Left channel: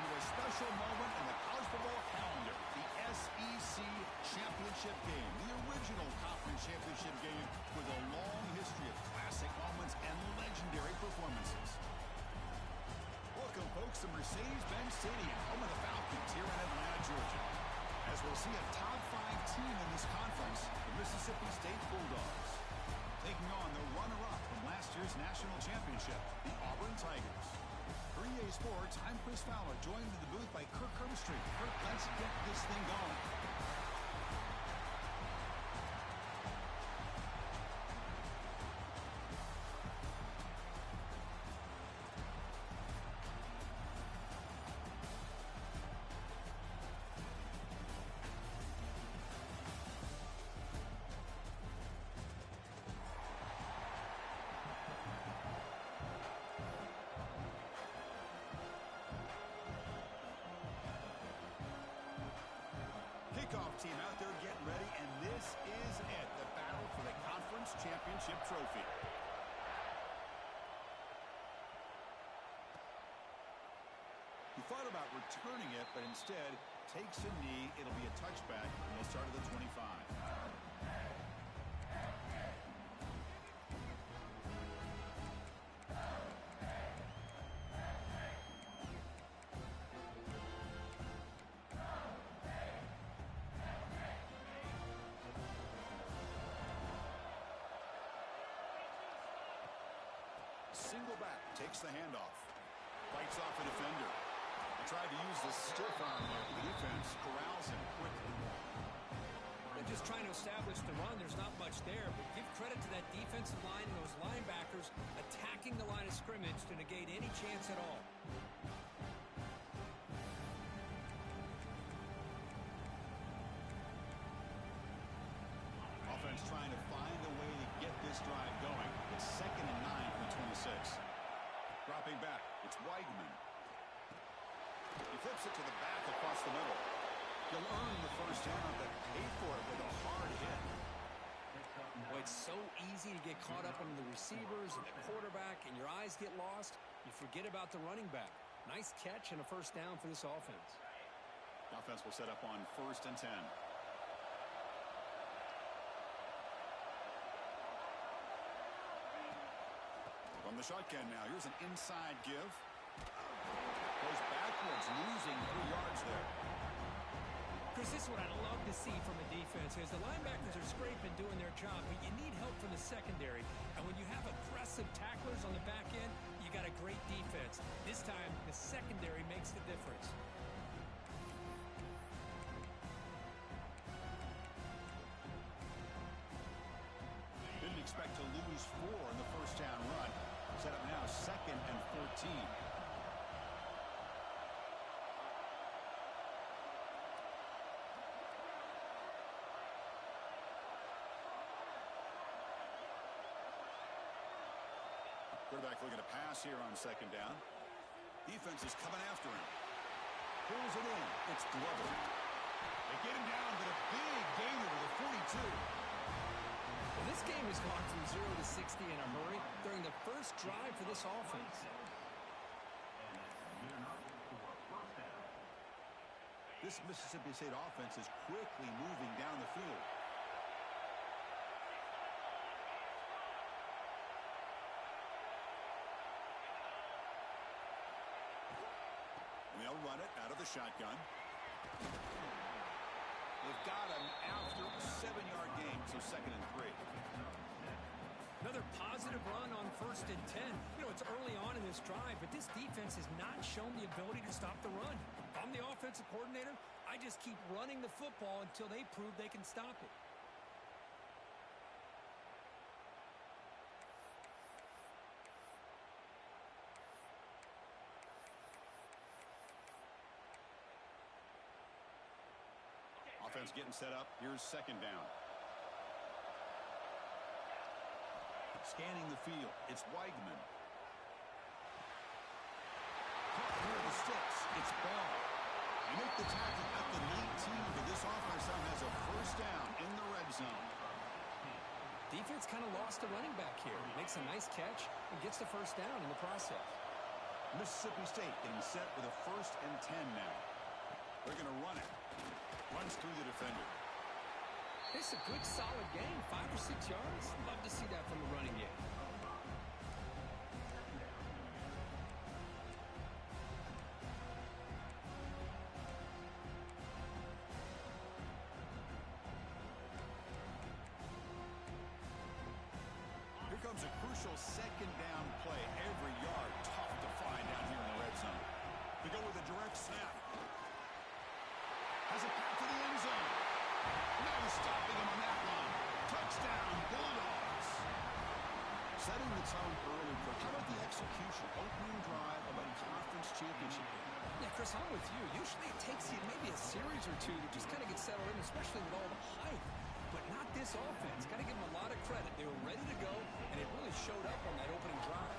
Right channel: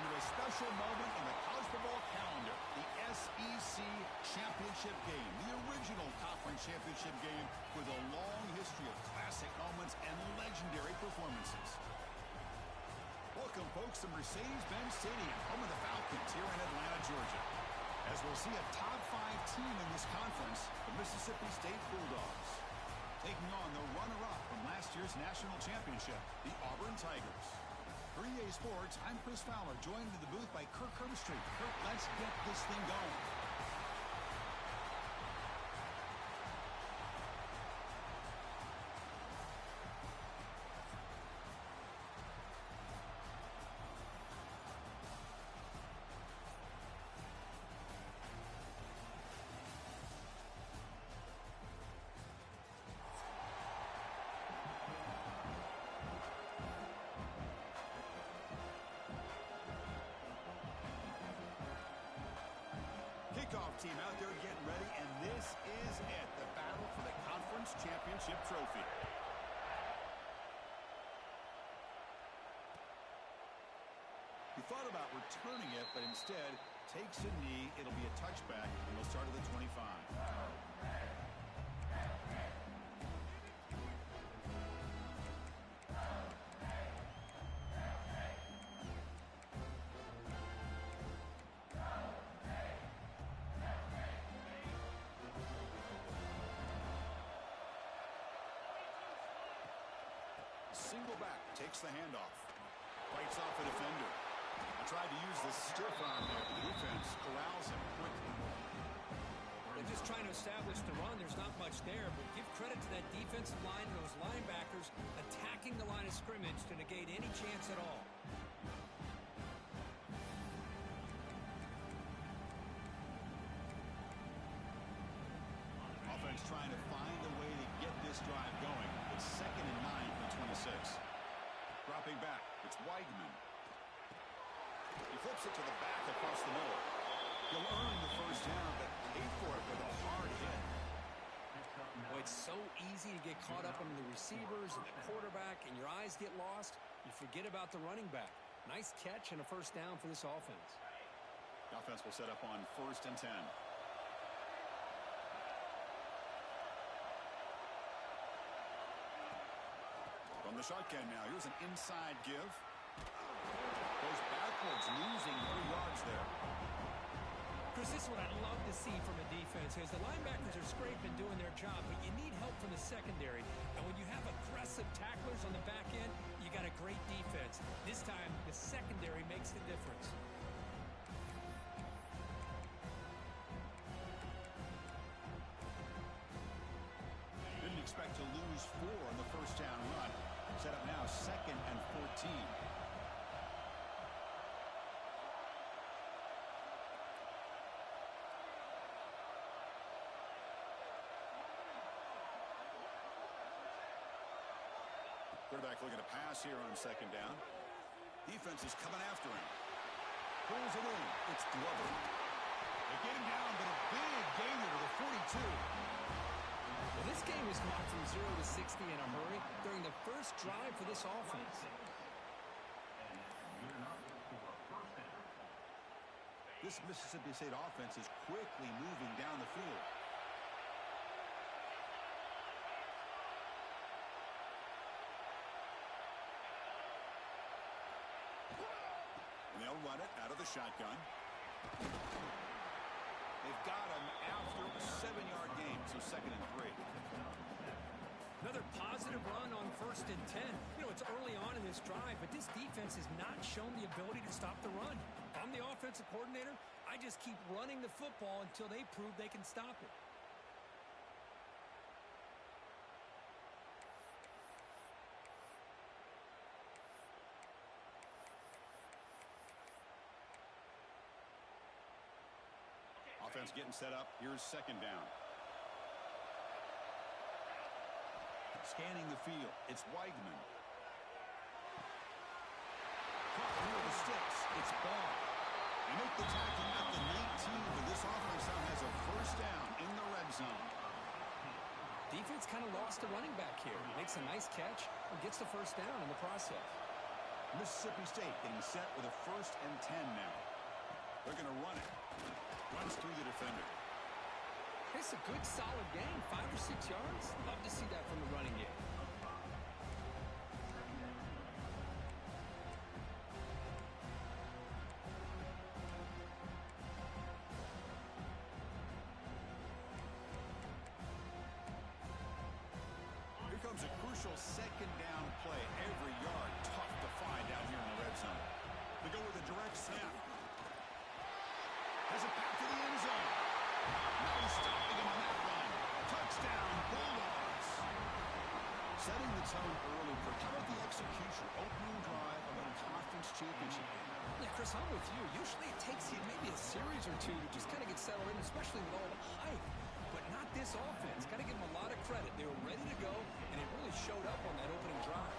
into a special moment in the college football calendar, the SEC Championship game, the original conference championship game with a long history of classic moments and legendary performances. Welcome, folks, to Mercedes-Benz Stadium, home of the Falcons here in Atlanta, Georgia. As we'll see a top 5 team in this conference, the Mississippi State Bulldogs, taking on the runner-up from last year's national championship, the Auburn Tigers. For EA Sports, I'm Chris Fowler, joined in the booth by Kirk Herbstreit. Kirk, let's get this thing going. Kickoff team out there getting ready, and this is it, the battle for the conference championship trophy. He thought about returning it, but instead takes a knee. It'll be a touchback, and they'll start at the 25. Single back, takes the handoff. Fights off a defender. I tried to use the stiff arm there, but the defense corrals him quickly. They're just trying to establish the run. There's not much there, but give credit to that defensive line and those linebackers attacking the line of scrimmage to negate any chance at all. Offense trying to find a way to get this drive going. It's 2nd and 9 from the 26. Dropping back, it's Weigman. He flips it to the back across the middle. He'll earn the first down, but pay for it with a hard hit. Boy, it's so easy to get caught up on the receivers and the quarterback, and your eyes get lost. You forget about the running back. Nice catch and a first down for this offense. The offense will set up on 1st and 10. From the shotgun now, here's an inside give. Goes backwards, losing 3 yards there. Chris, this is what I love to see from a defense is the linebackers are scraping, doing their job, but you need help from the secondary. And when you have aggressive tacklers on the back end, you got a great defense. This time, the secondary makes the difference. Didn't expect to lose 4 on the first down run. Set up now 2nd and 14. Quarterback looking to pass here on 2nd down. Defense is coming after him. Pulls it in. It's Glover. They get him down, but a big gainer to the 42. Well, this game has gone from 0 to 60 in a hurry during the first drive for this offense. This Mississippi State offense is quickly moving down the field. And they'll run it out of the shotgun. They've got him after a 7-yard gain, so 2nd and 3. Another positive run on 1st and 10. You know, it's early on in this drive, but this defense has not shown the ability to stop the run. If I'm the offensive coordinator, I just keep running the football until they prove they can stop it. Offense getting set up. Here's 2nd down. Scanning the field. It's Weigman. Caught near the sticks. It's Ball. They make the tackle at the 19, but this offense now has a first down in the red zone. Defense kind of lost the running back here. Makes a nice catch and gets the first down in the process. Mississippi State getting set with a 1st and 10 now. They're going to run it. Runs through the defender. It's a good, solid game. 5 or 6 yards. Love to see that from the running game. Here comes a crucial 2nd down play. Every yard tough to find down here in the red zone. They go with a direct snap. Has a path to the end zone. No stopping him on that run. Touchdown, Bulldogs. Setting the tone early. How about the execution? Opening drive of a conference championship game. Yeah, Chris, I'm with you. Usually it takes you maybe a series or two to just kind of get settled in, especially with all the hype. But not this offense. Got to give them a lot of credit. They were ready to go, and it really showed up on that opening drive.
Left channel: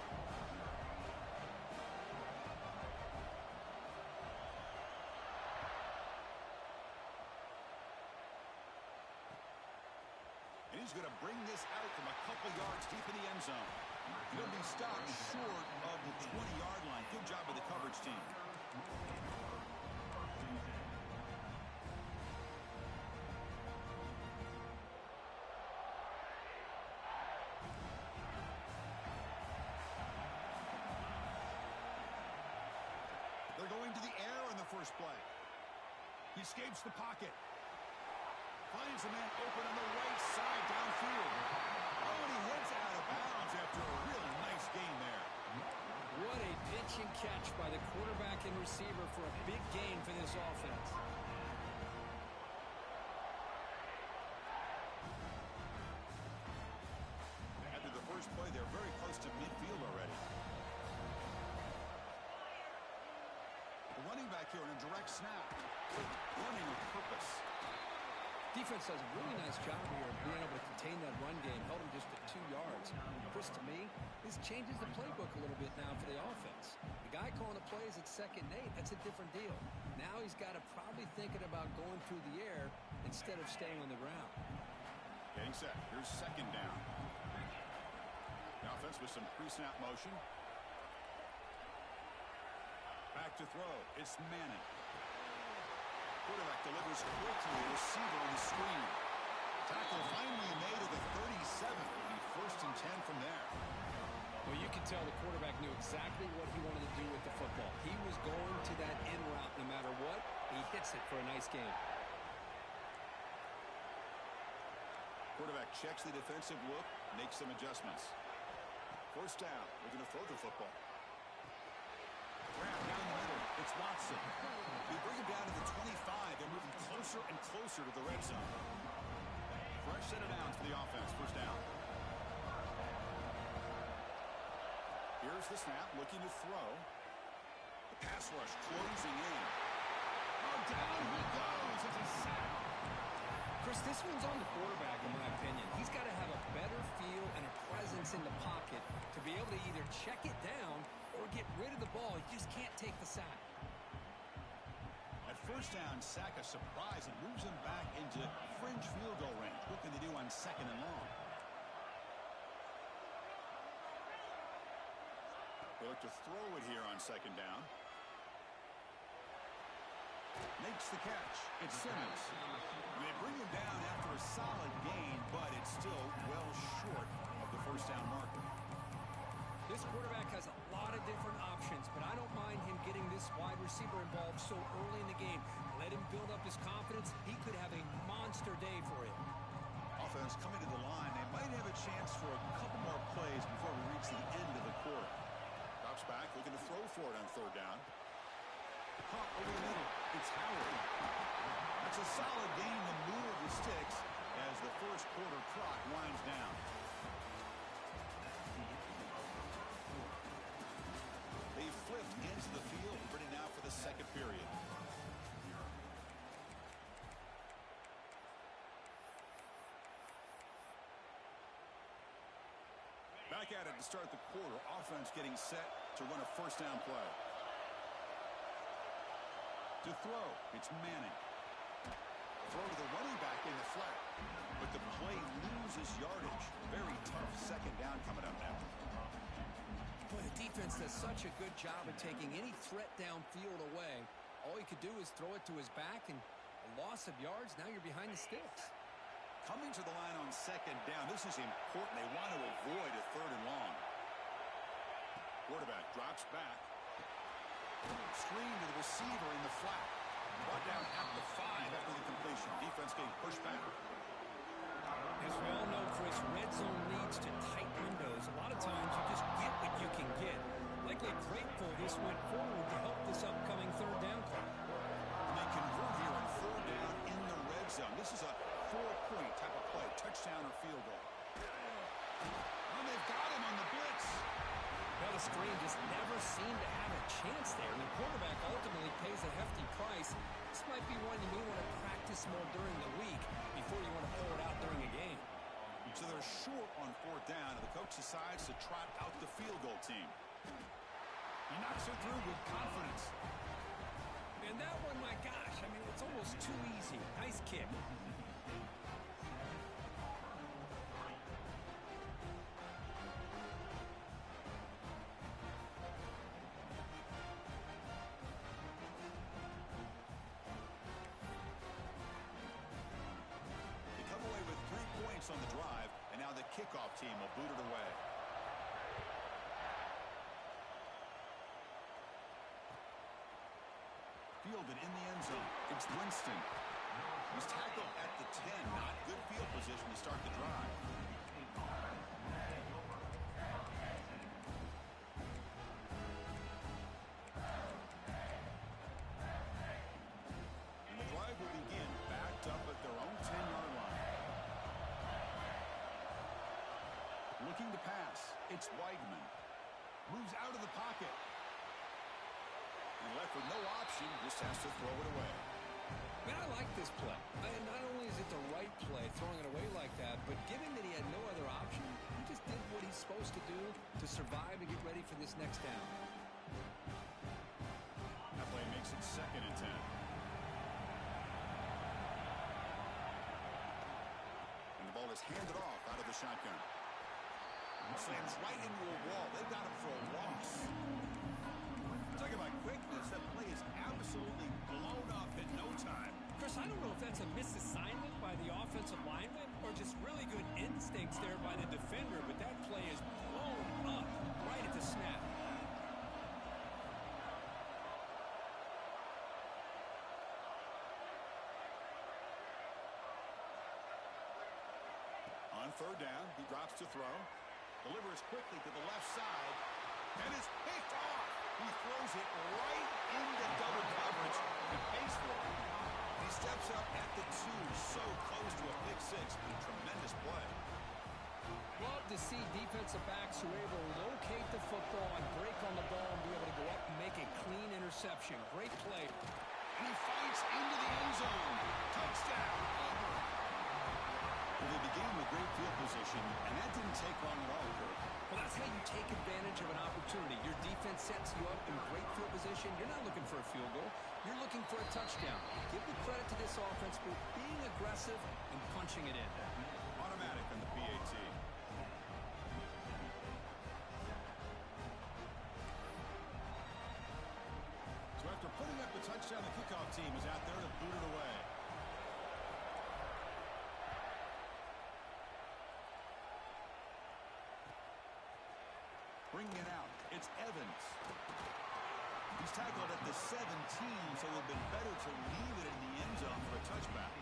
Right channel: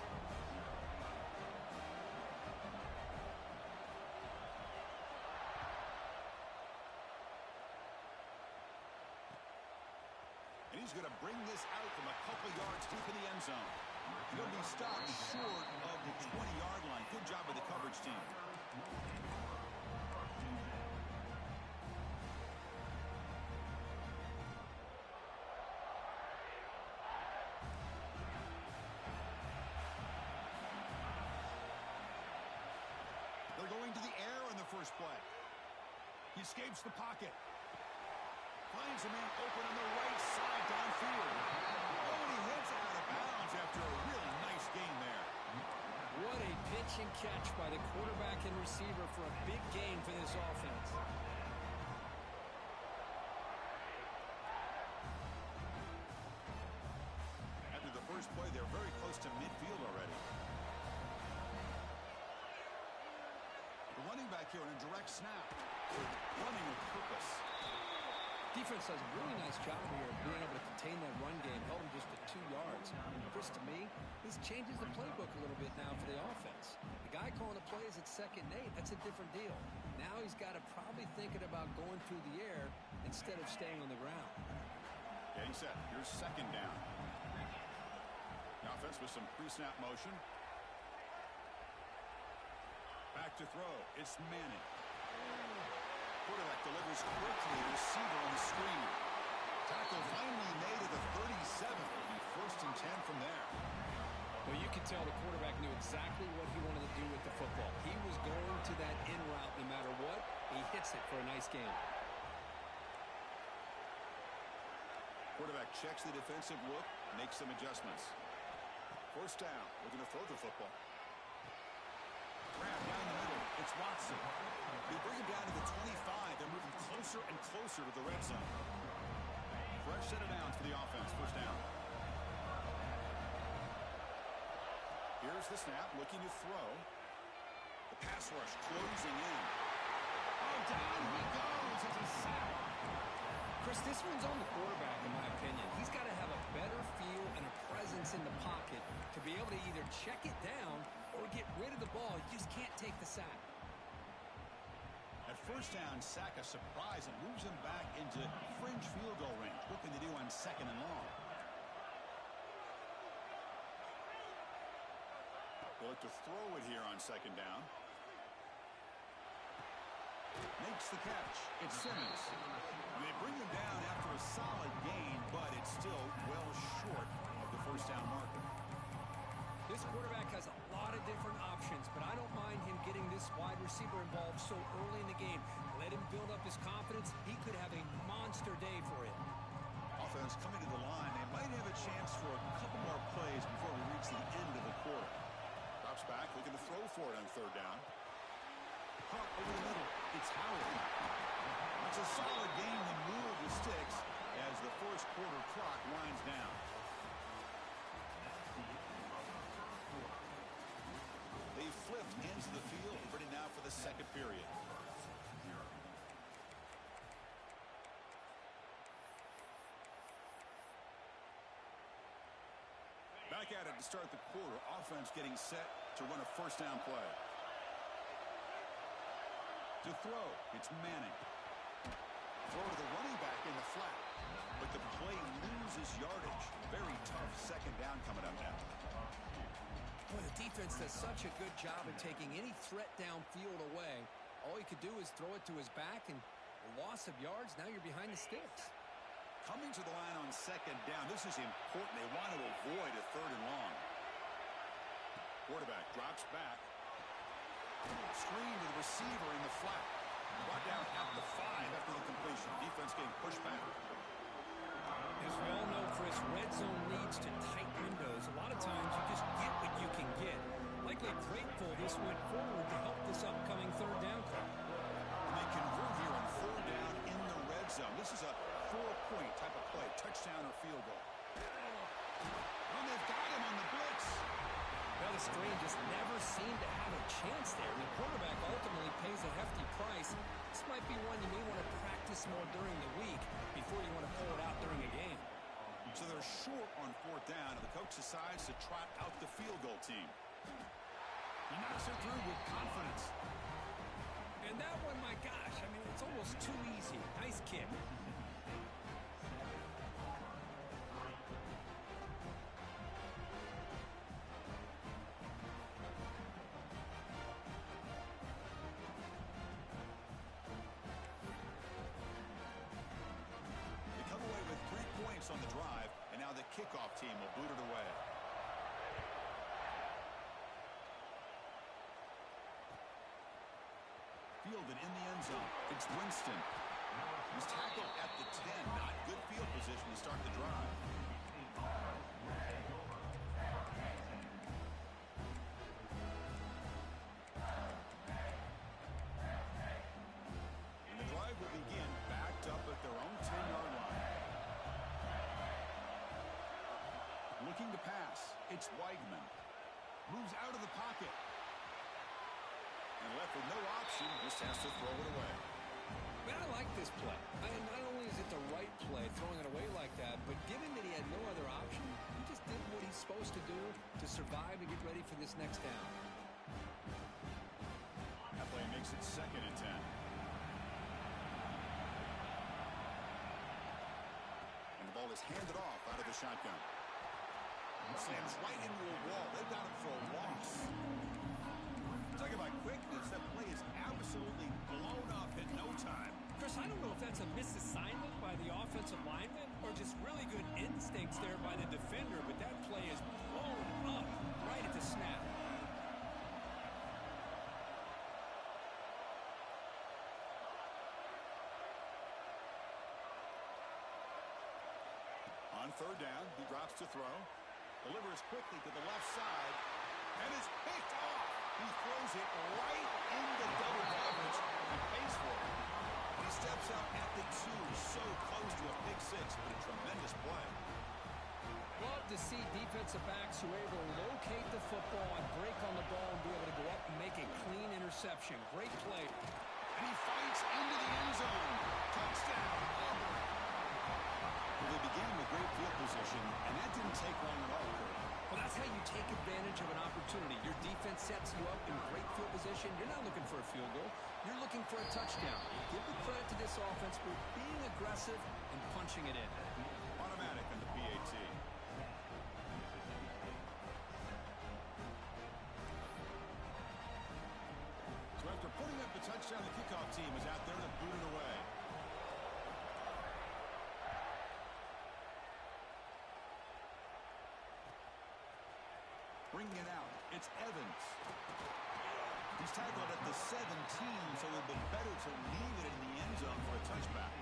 And he's going to bring this out from a couple yards deep in the end zone. He'll be stopped short of the 20-yard line. Good job by the coverage team. They're going to the air on the first play. He escapes the pocket. Finds a man open on the right side downfield. Oh, and he hits out of bounds after a really nice gain there. What a pitch and catch by the quarterback and receiver for a big gain for this offense. After the first play, they're very close to midfield already. The running back here on a direct snap. Running with purpose. Defense does a really nice job here of being able to contain that run game. Held him just at 2 yards. Chris, to me, this changes the playbook a little bit now for the offense. The guy calling the plays at 2nd and 8, that's a different deal. Now he's got to probably thinking about going through the air instead of staying on the ground. Getting set. Here's 2nd down. The offense with some pre-snap motion. Back to throw. It's Manning. Quarterback delivers quickly. Receiver on the screen. Tackle finally made at the 37. It'll be 1st and 10 from there. Well, you can tell the quarterback knew exactly what he wanted to do with the football. He was going to that in route no matter what. He hits it for a nice game. Quarterback checks the defensive look, makes some adjustments. 1st down. We're going to throw the football. Grab down the middle. It's Watson. They bring him down to the 25. They're moving closer and closer to the red zone. Fresh set of downs for the offense. 1st down. Here's the snap. Looking to throw. The pass rush closing in. Oh, down he goes. It's a sack. Chris, this one's on the quarterback, in my opinion. He's got to have a better feel and a presence in the pocket to be able to either check it down or get rid of the ball. He just can't take the sack. At 1st down, sack a surprise and moves him back into fringe field goal range. What can they do on 2nd and long? They look to throw it here on 2nd down. Makes the catch. It's Simmons. They bring him down after a solid gain, but it's still well short of the 1st down marker. This quarterback has a lot of different options, but I don't mind him getting this wide receiver involved so early in the game. Let him build up his confidence. He could have a monster day for you. Offense coming to the line. They might have a chance for a couple more plays before we reach the end of the quarter. Drops back, looking to throw for it on 3rd down. Caught over the middle. It's Howard. That's a solid gain to move the sticks as the 1st quarter clock winds down. They flipped into the field, ready now for the 2nd period. Back at it to start the quarter. Offense getting set to run a 1st down play. To throw, it's Manning. Throw to the running back in the flat. But the play loses yardage. Very tough 2nd down coming up now. Boy, the defense does such a good job of taking any threat downfield away. All he could do is throw it to his back, and a loss of yards, now you're behind the sticks. Coming to the line on second down, this is important. They want to avoid a third and long. Quarterback drops back. Screen to the receiver in the flat. Brought down at the 5 after the completion. Defense getting pushed back. As we all know, Chris, red zone leads to tight windows. A lot of times you just get what you can get. Likely grateful this went forward to help this upcoming third down call. And they convert here on third down in the red zone. This is a 4-point type of play, touchdown or field goal. And they've got him on the blitz. Well, the screen just never seemed to have a chance there. The quarterback ultimately pays a hefty price. This might be one you may want to practice more during the week before you want to pull it out during a game. So they're short on fourth down, and the coach decides to trot out the field goal team. He knocks it through with confidence. And that one, my gosh, I mean, it's almost too easy. Nice kick. On the drive, and now the kickoff team will boot it away. Fielded in the end zone. It's Winston. He's tackled at the 10. Not good field position to start the drive. And the drive will begin backed up at their own 10-yard line. Looking to pass. It's Weigman. Moves out of the pocket. And left with no option, just has to throw it away. Man, I like this play. Not only is it the right play, throwing it away like that, but given that he had no other option, he just did what he's supposed to do to survive and get ready for this next down. That play makes it 2nd and 10. And the ball is handed off out of the shotgun. Slams right into a wall. They got him for a loss. Talking about quickness, that play is absolutely blown up in no time. Chris, I don't know if that's a misassignment by the offensive lineman or just really good instincts there by the defender, but that play is blown up right at the snap. On third down, he drops to throw. Delivers quickly to the left side, and is picked off. He throws it right into double coverage and pays for it. He steps up at the 2, so close to a pick 6, but a tremendous play. Love to see defensive backs who are able to locate the football and break on the ball and be able to go up and make a clean interception. Great play. And he fights into the end zone. Touchdown, Auburn. Well, they began with great field position, and that didn't take long at all, Kirk. Well, that's how you take advantage of an opportunity. Your defense sets you up in great field position. You're not looking for a field goal. You're looking for a touchdown. Give the credit to this offense for being aggressive and punching it in. Automatic on the PAT. So after putting up the touchdown, the kickoff team is out there to boot it away. Bringing it out, it's Evans. He's tackled at the 17, so it would have been better to leave it in the end zone for a touchback.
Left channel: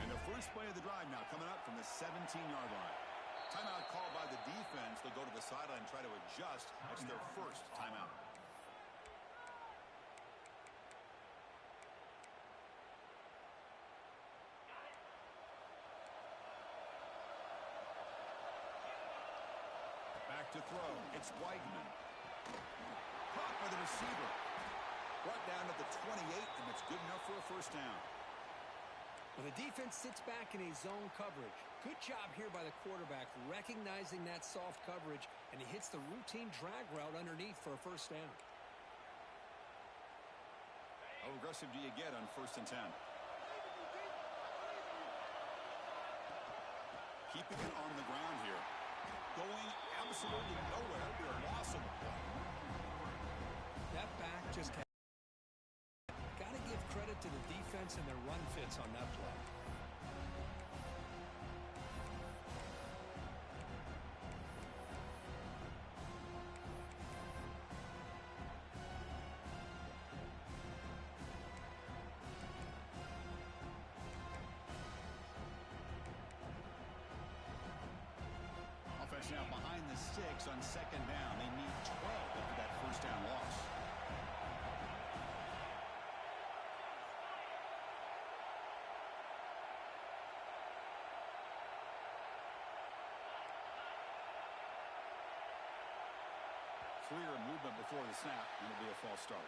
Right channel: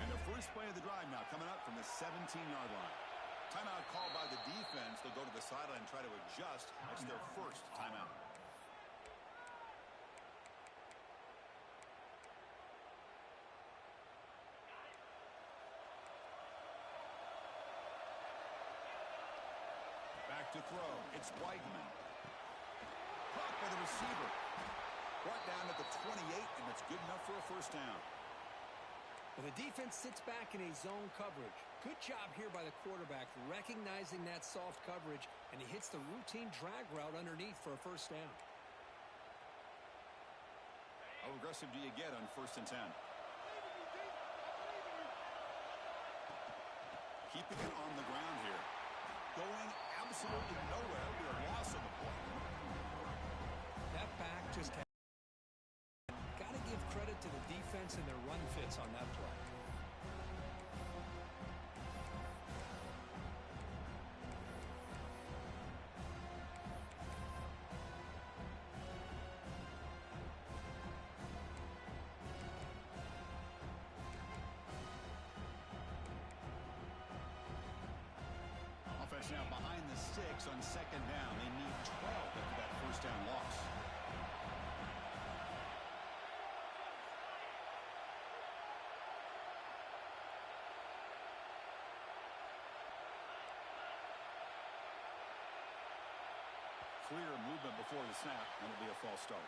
And the first play of the drive now coming up from the 17-yard line. Timeout called by the defense. They'll go to the sideline and try to adjust. That's their first timeout. Back to throw. It's Weigman. Caught by the receiver. Brought down at the 28, and it's good enough for a first down. Well, the defense sits back in a zone coverage. Good job here by the quarterback, recognizing that soft coverage, and he hits the routine drag route underneath for a first down. How aggressive do you get on 1st and 10? Keeping it on the ground here. Going absolutely nowhere. We are lost on the play. That back just got to give credit to the defense and their run fits on that play. Offense now behind the 6 on 2nd down. They need 12 after that 1st down loss. Clear movement before the snap, and it'll be a false start.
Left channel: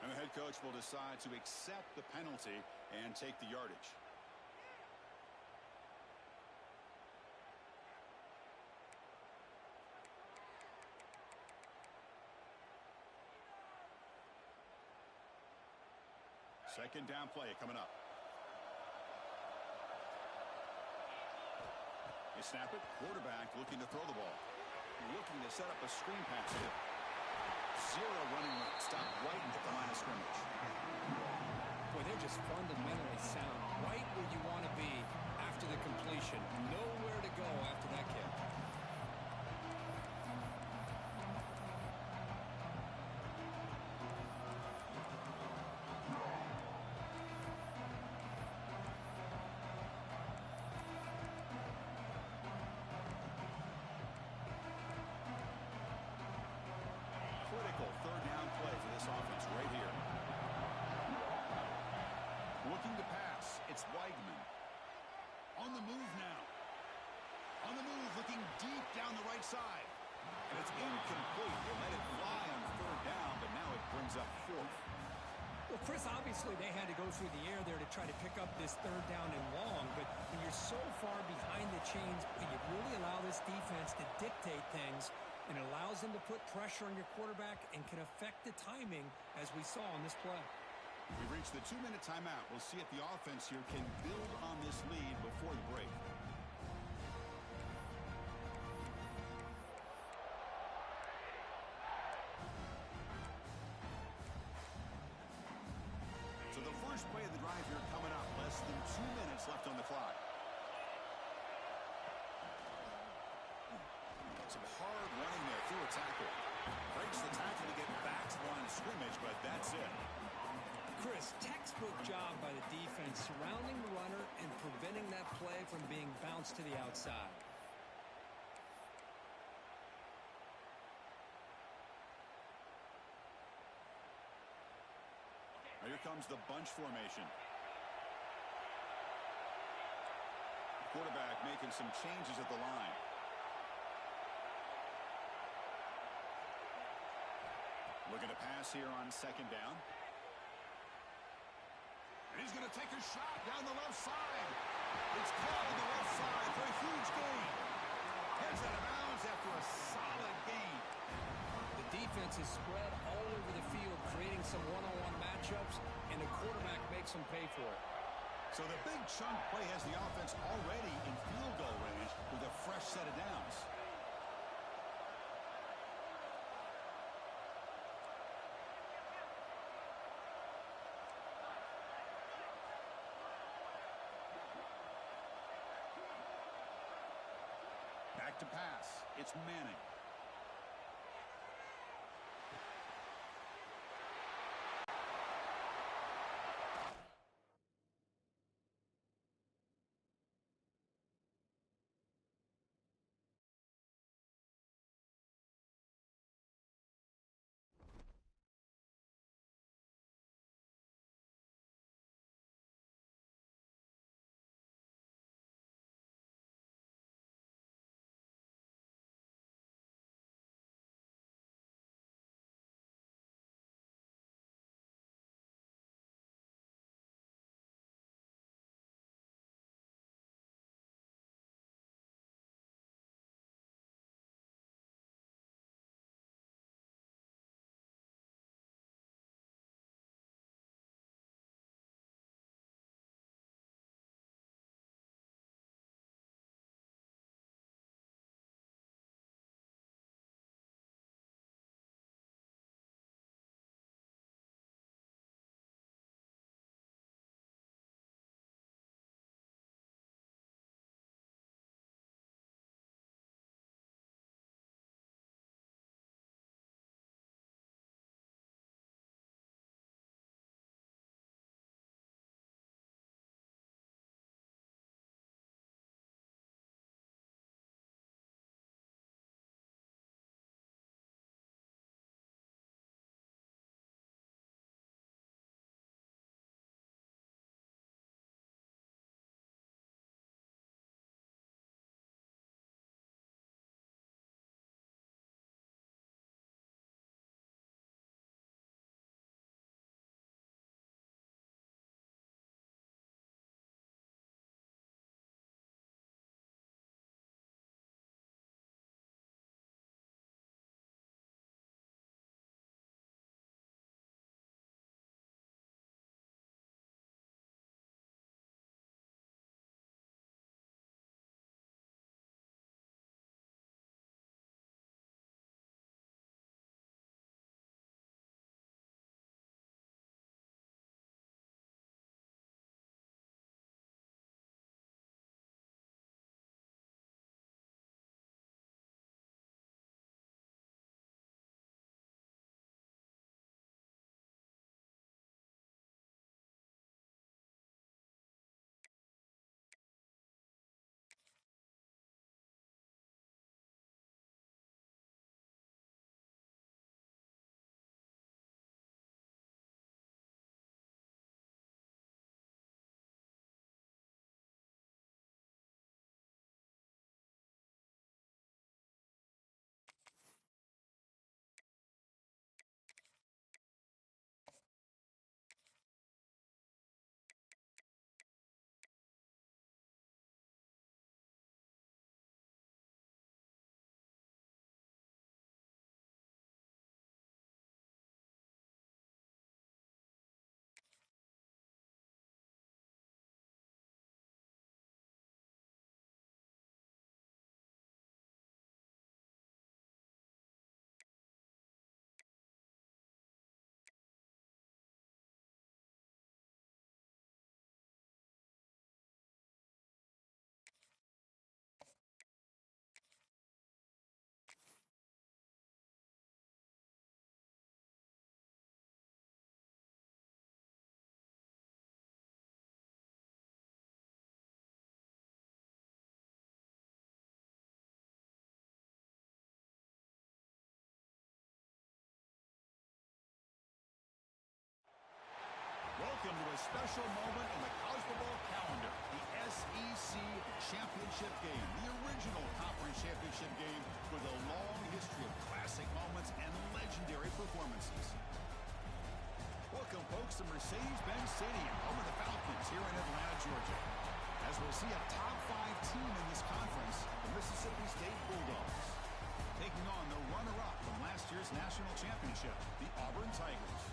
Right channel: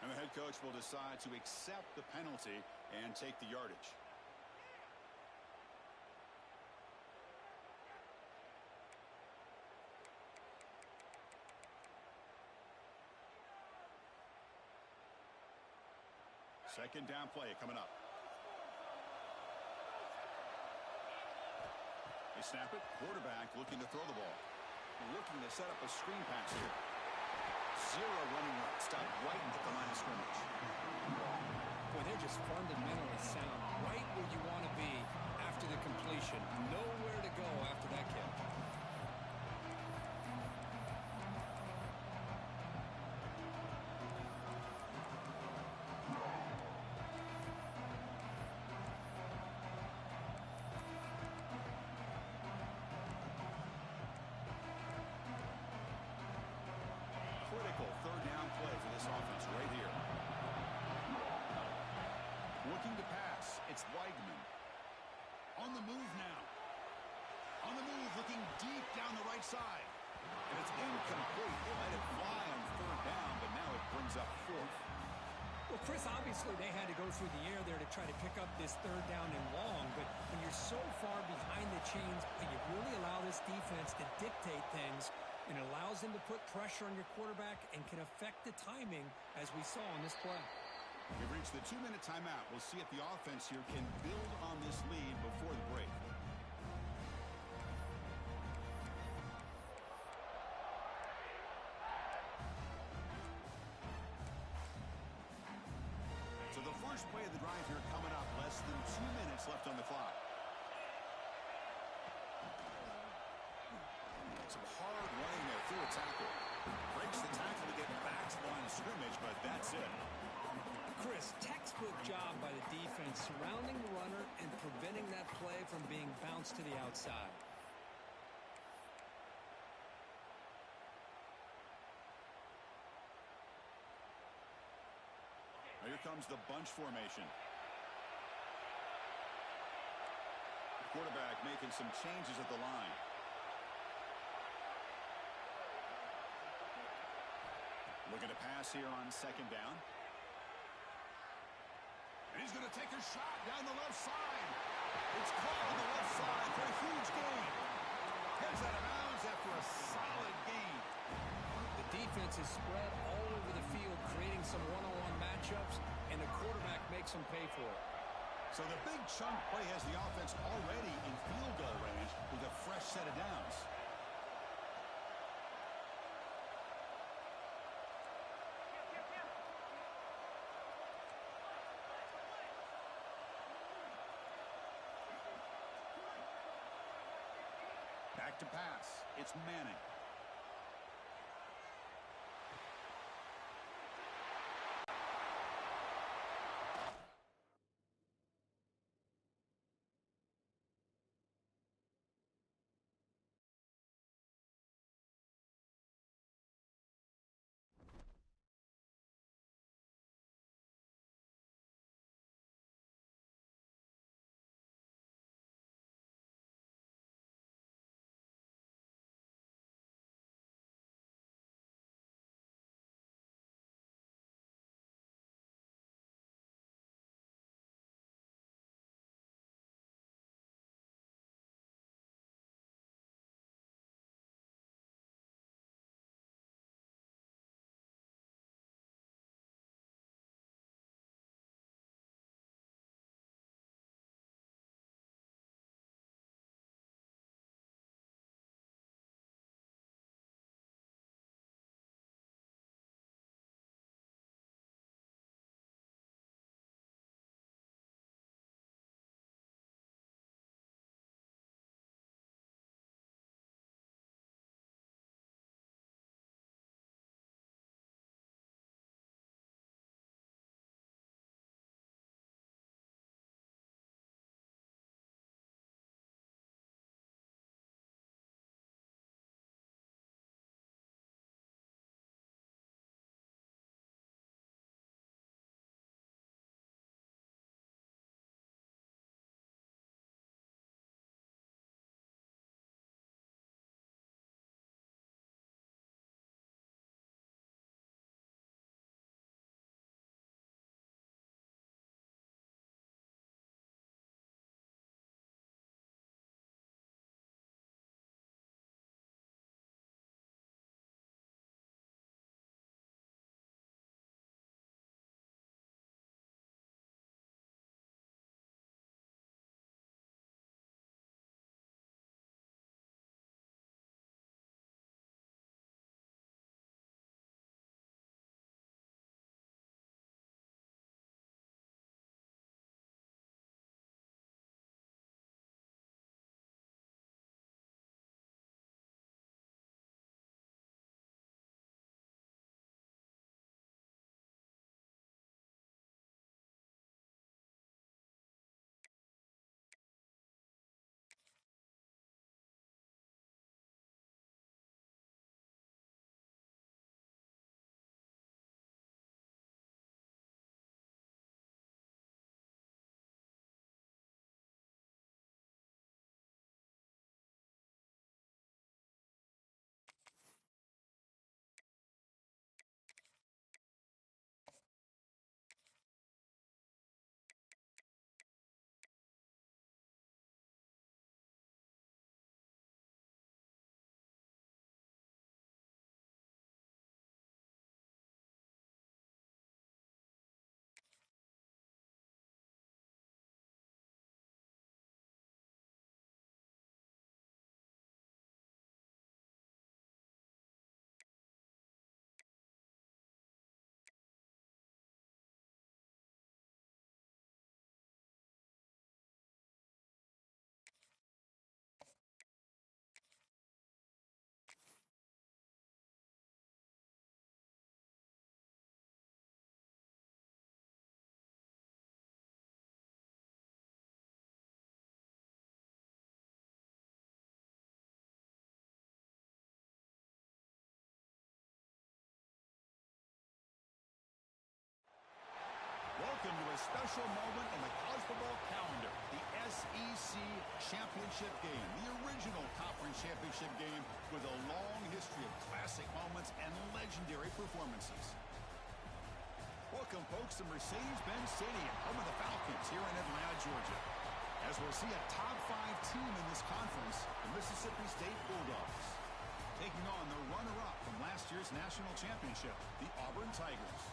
And the head coach will decide to accept the penalty and take the yardage. Second down play coming up. They snap it. Quarterback looking to throw the ball. Looking to set up a screen pass here. Zero running route. Stop right at the line of scrimmage. Boy, they're just fundamentally sound. Right where you want to be after the completion. Nowhere to go after that kick. Critical 3rd down play for this offense right here. Looking to pass. It's Weigman. On the move now. On the move, looking deep down the right side. And it's incomplete. They let it fly on 3rd down, but now it brings up 4th. Well, Chris, obviously they had to go through the air there to try to pick up this 3rd down and long, but when you're so far behind the chains, you really allow this defense to dictate things, and it allows them to put pressure on your quarterback and can affect the timing, as we saw on this play. We've reached the 2-minute timeout. We'll see if the offense here can build on this lead before the break. So the first play of the drive here coming up. Less than 2 minutes left on the clock. Some hard running there through a tackle. Breaks the tackle to get back to the line of scrimmage, but that's it. Chris, textbook job by the defense surrounding the runner and preventing that play from being bounced to the outside. Now here comes the bunch formation. Quarterback making some changes at the line. Looking to pass here on 2nd down. And he's going to take a shot down the left side. It's caught on the left side for a huge gain. Heads out of bounds after a solid gain. The defense is spread all over the field, creating some one-on-one matchups, and the quarterback makes them pay for it. So the big chunk play has the offense already in field goal range with a fresh set of downs. Back to pass. It's Manning. special moment in the college football calendar, the SEC Championship game, the original conference championship game with a long history of classic moments and legendary performances. Welcome, folks, to Mercedes-Benz Stadium, home of the Falcons here in Atlanta, Georgia. As we'll see a top 5 team in this conference, the Mississippi State Bulldogs, taking on the runner-up from last year's national championship, the Auburn Tigers.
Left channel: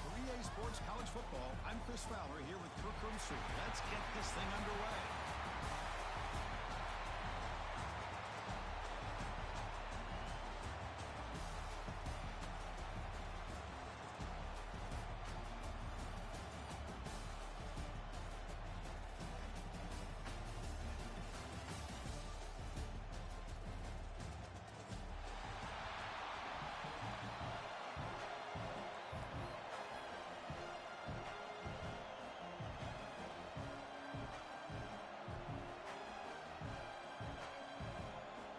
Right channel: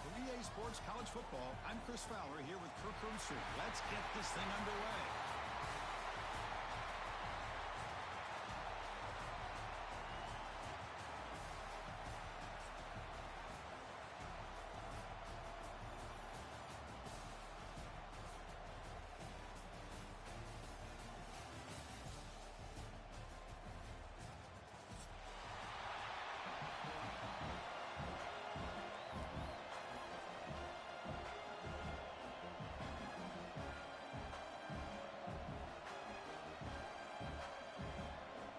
For EA Sports College Football, I'm Chris Fowler here with Kirk Herbstreit. Let's get this thing underway.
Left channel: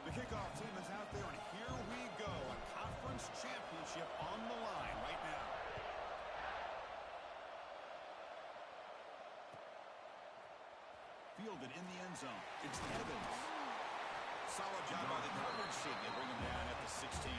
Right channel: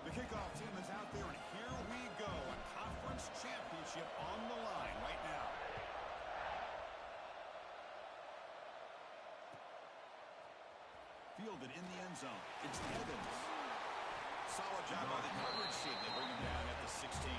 The kickoff team is out there, and here we go. A conference championship on the line right now. Fielded in the end zone. It's Evans. Solid job by the coverage team. They bring him down at the 16.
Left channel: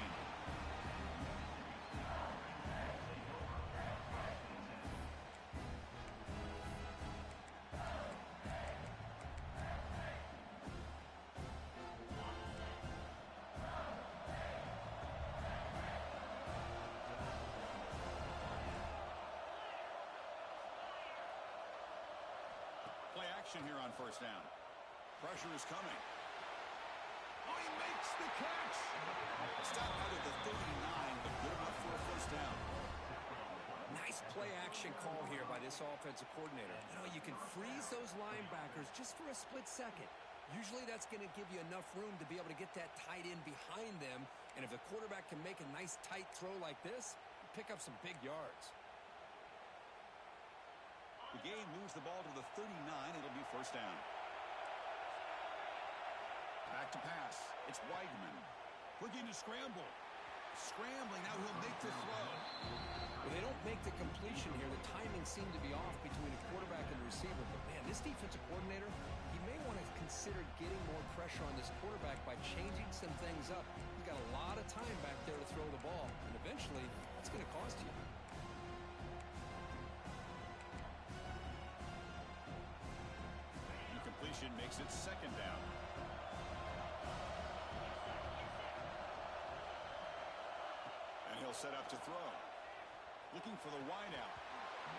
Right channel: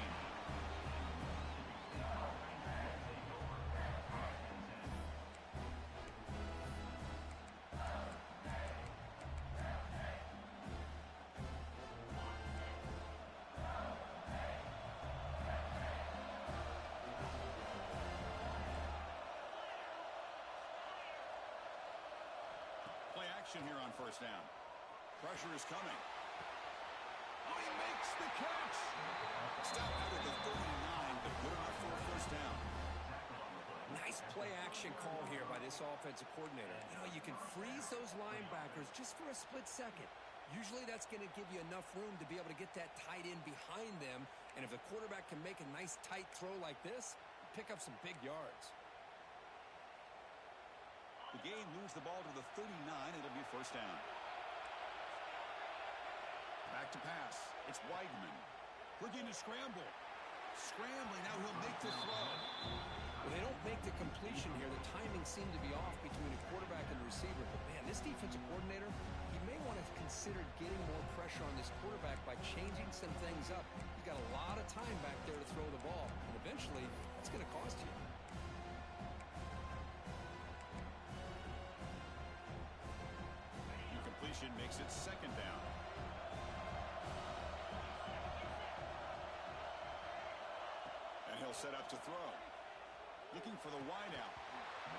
Play action here on first down. Pressure is coming. Oh, he makes the catch. Stop out at the 39, but good enough for a first down. Nice play action call here by this offensive coordinator. You know, you can freeze those linebackers just for a split second. Usually that's going to give you enough room to be able to get that tight end behind them. And if the quarterback can make a nice tight throw like this, pick up some big yards. The game moves the ball to the 39. It'll be first down. Back to pass. It's Weigman. Looking to scramble. Scrambling. Now he'll make the throw. Well, they don't make the completion here. The timing seemed to be off between the quarterback and the receiver. But, man, this defensive coordinator, he may want to consider getting more pressure on this quarterback by changing some things up. He's got a lot of time back there to throw the ball. And eventually, that's going to cost you. Completion makes it second down. And he'll set up to throw. Looking for the wideout.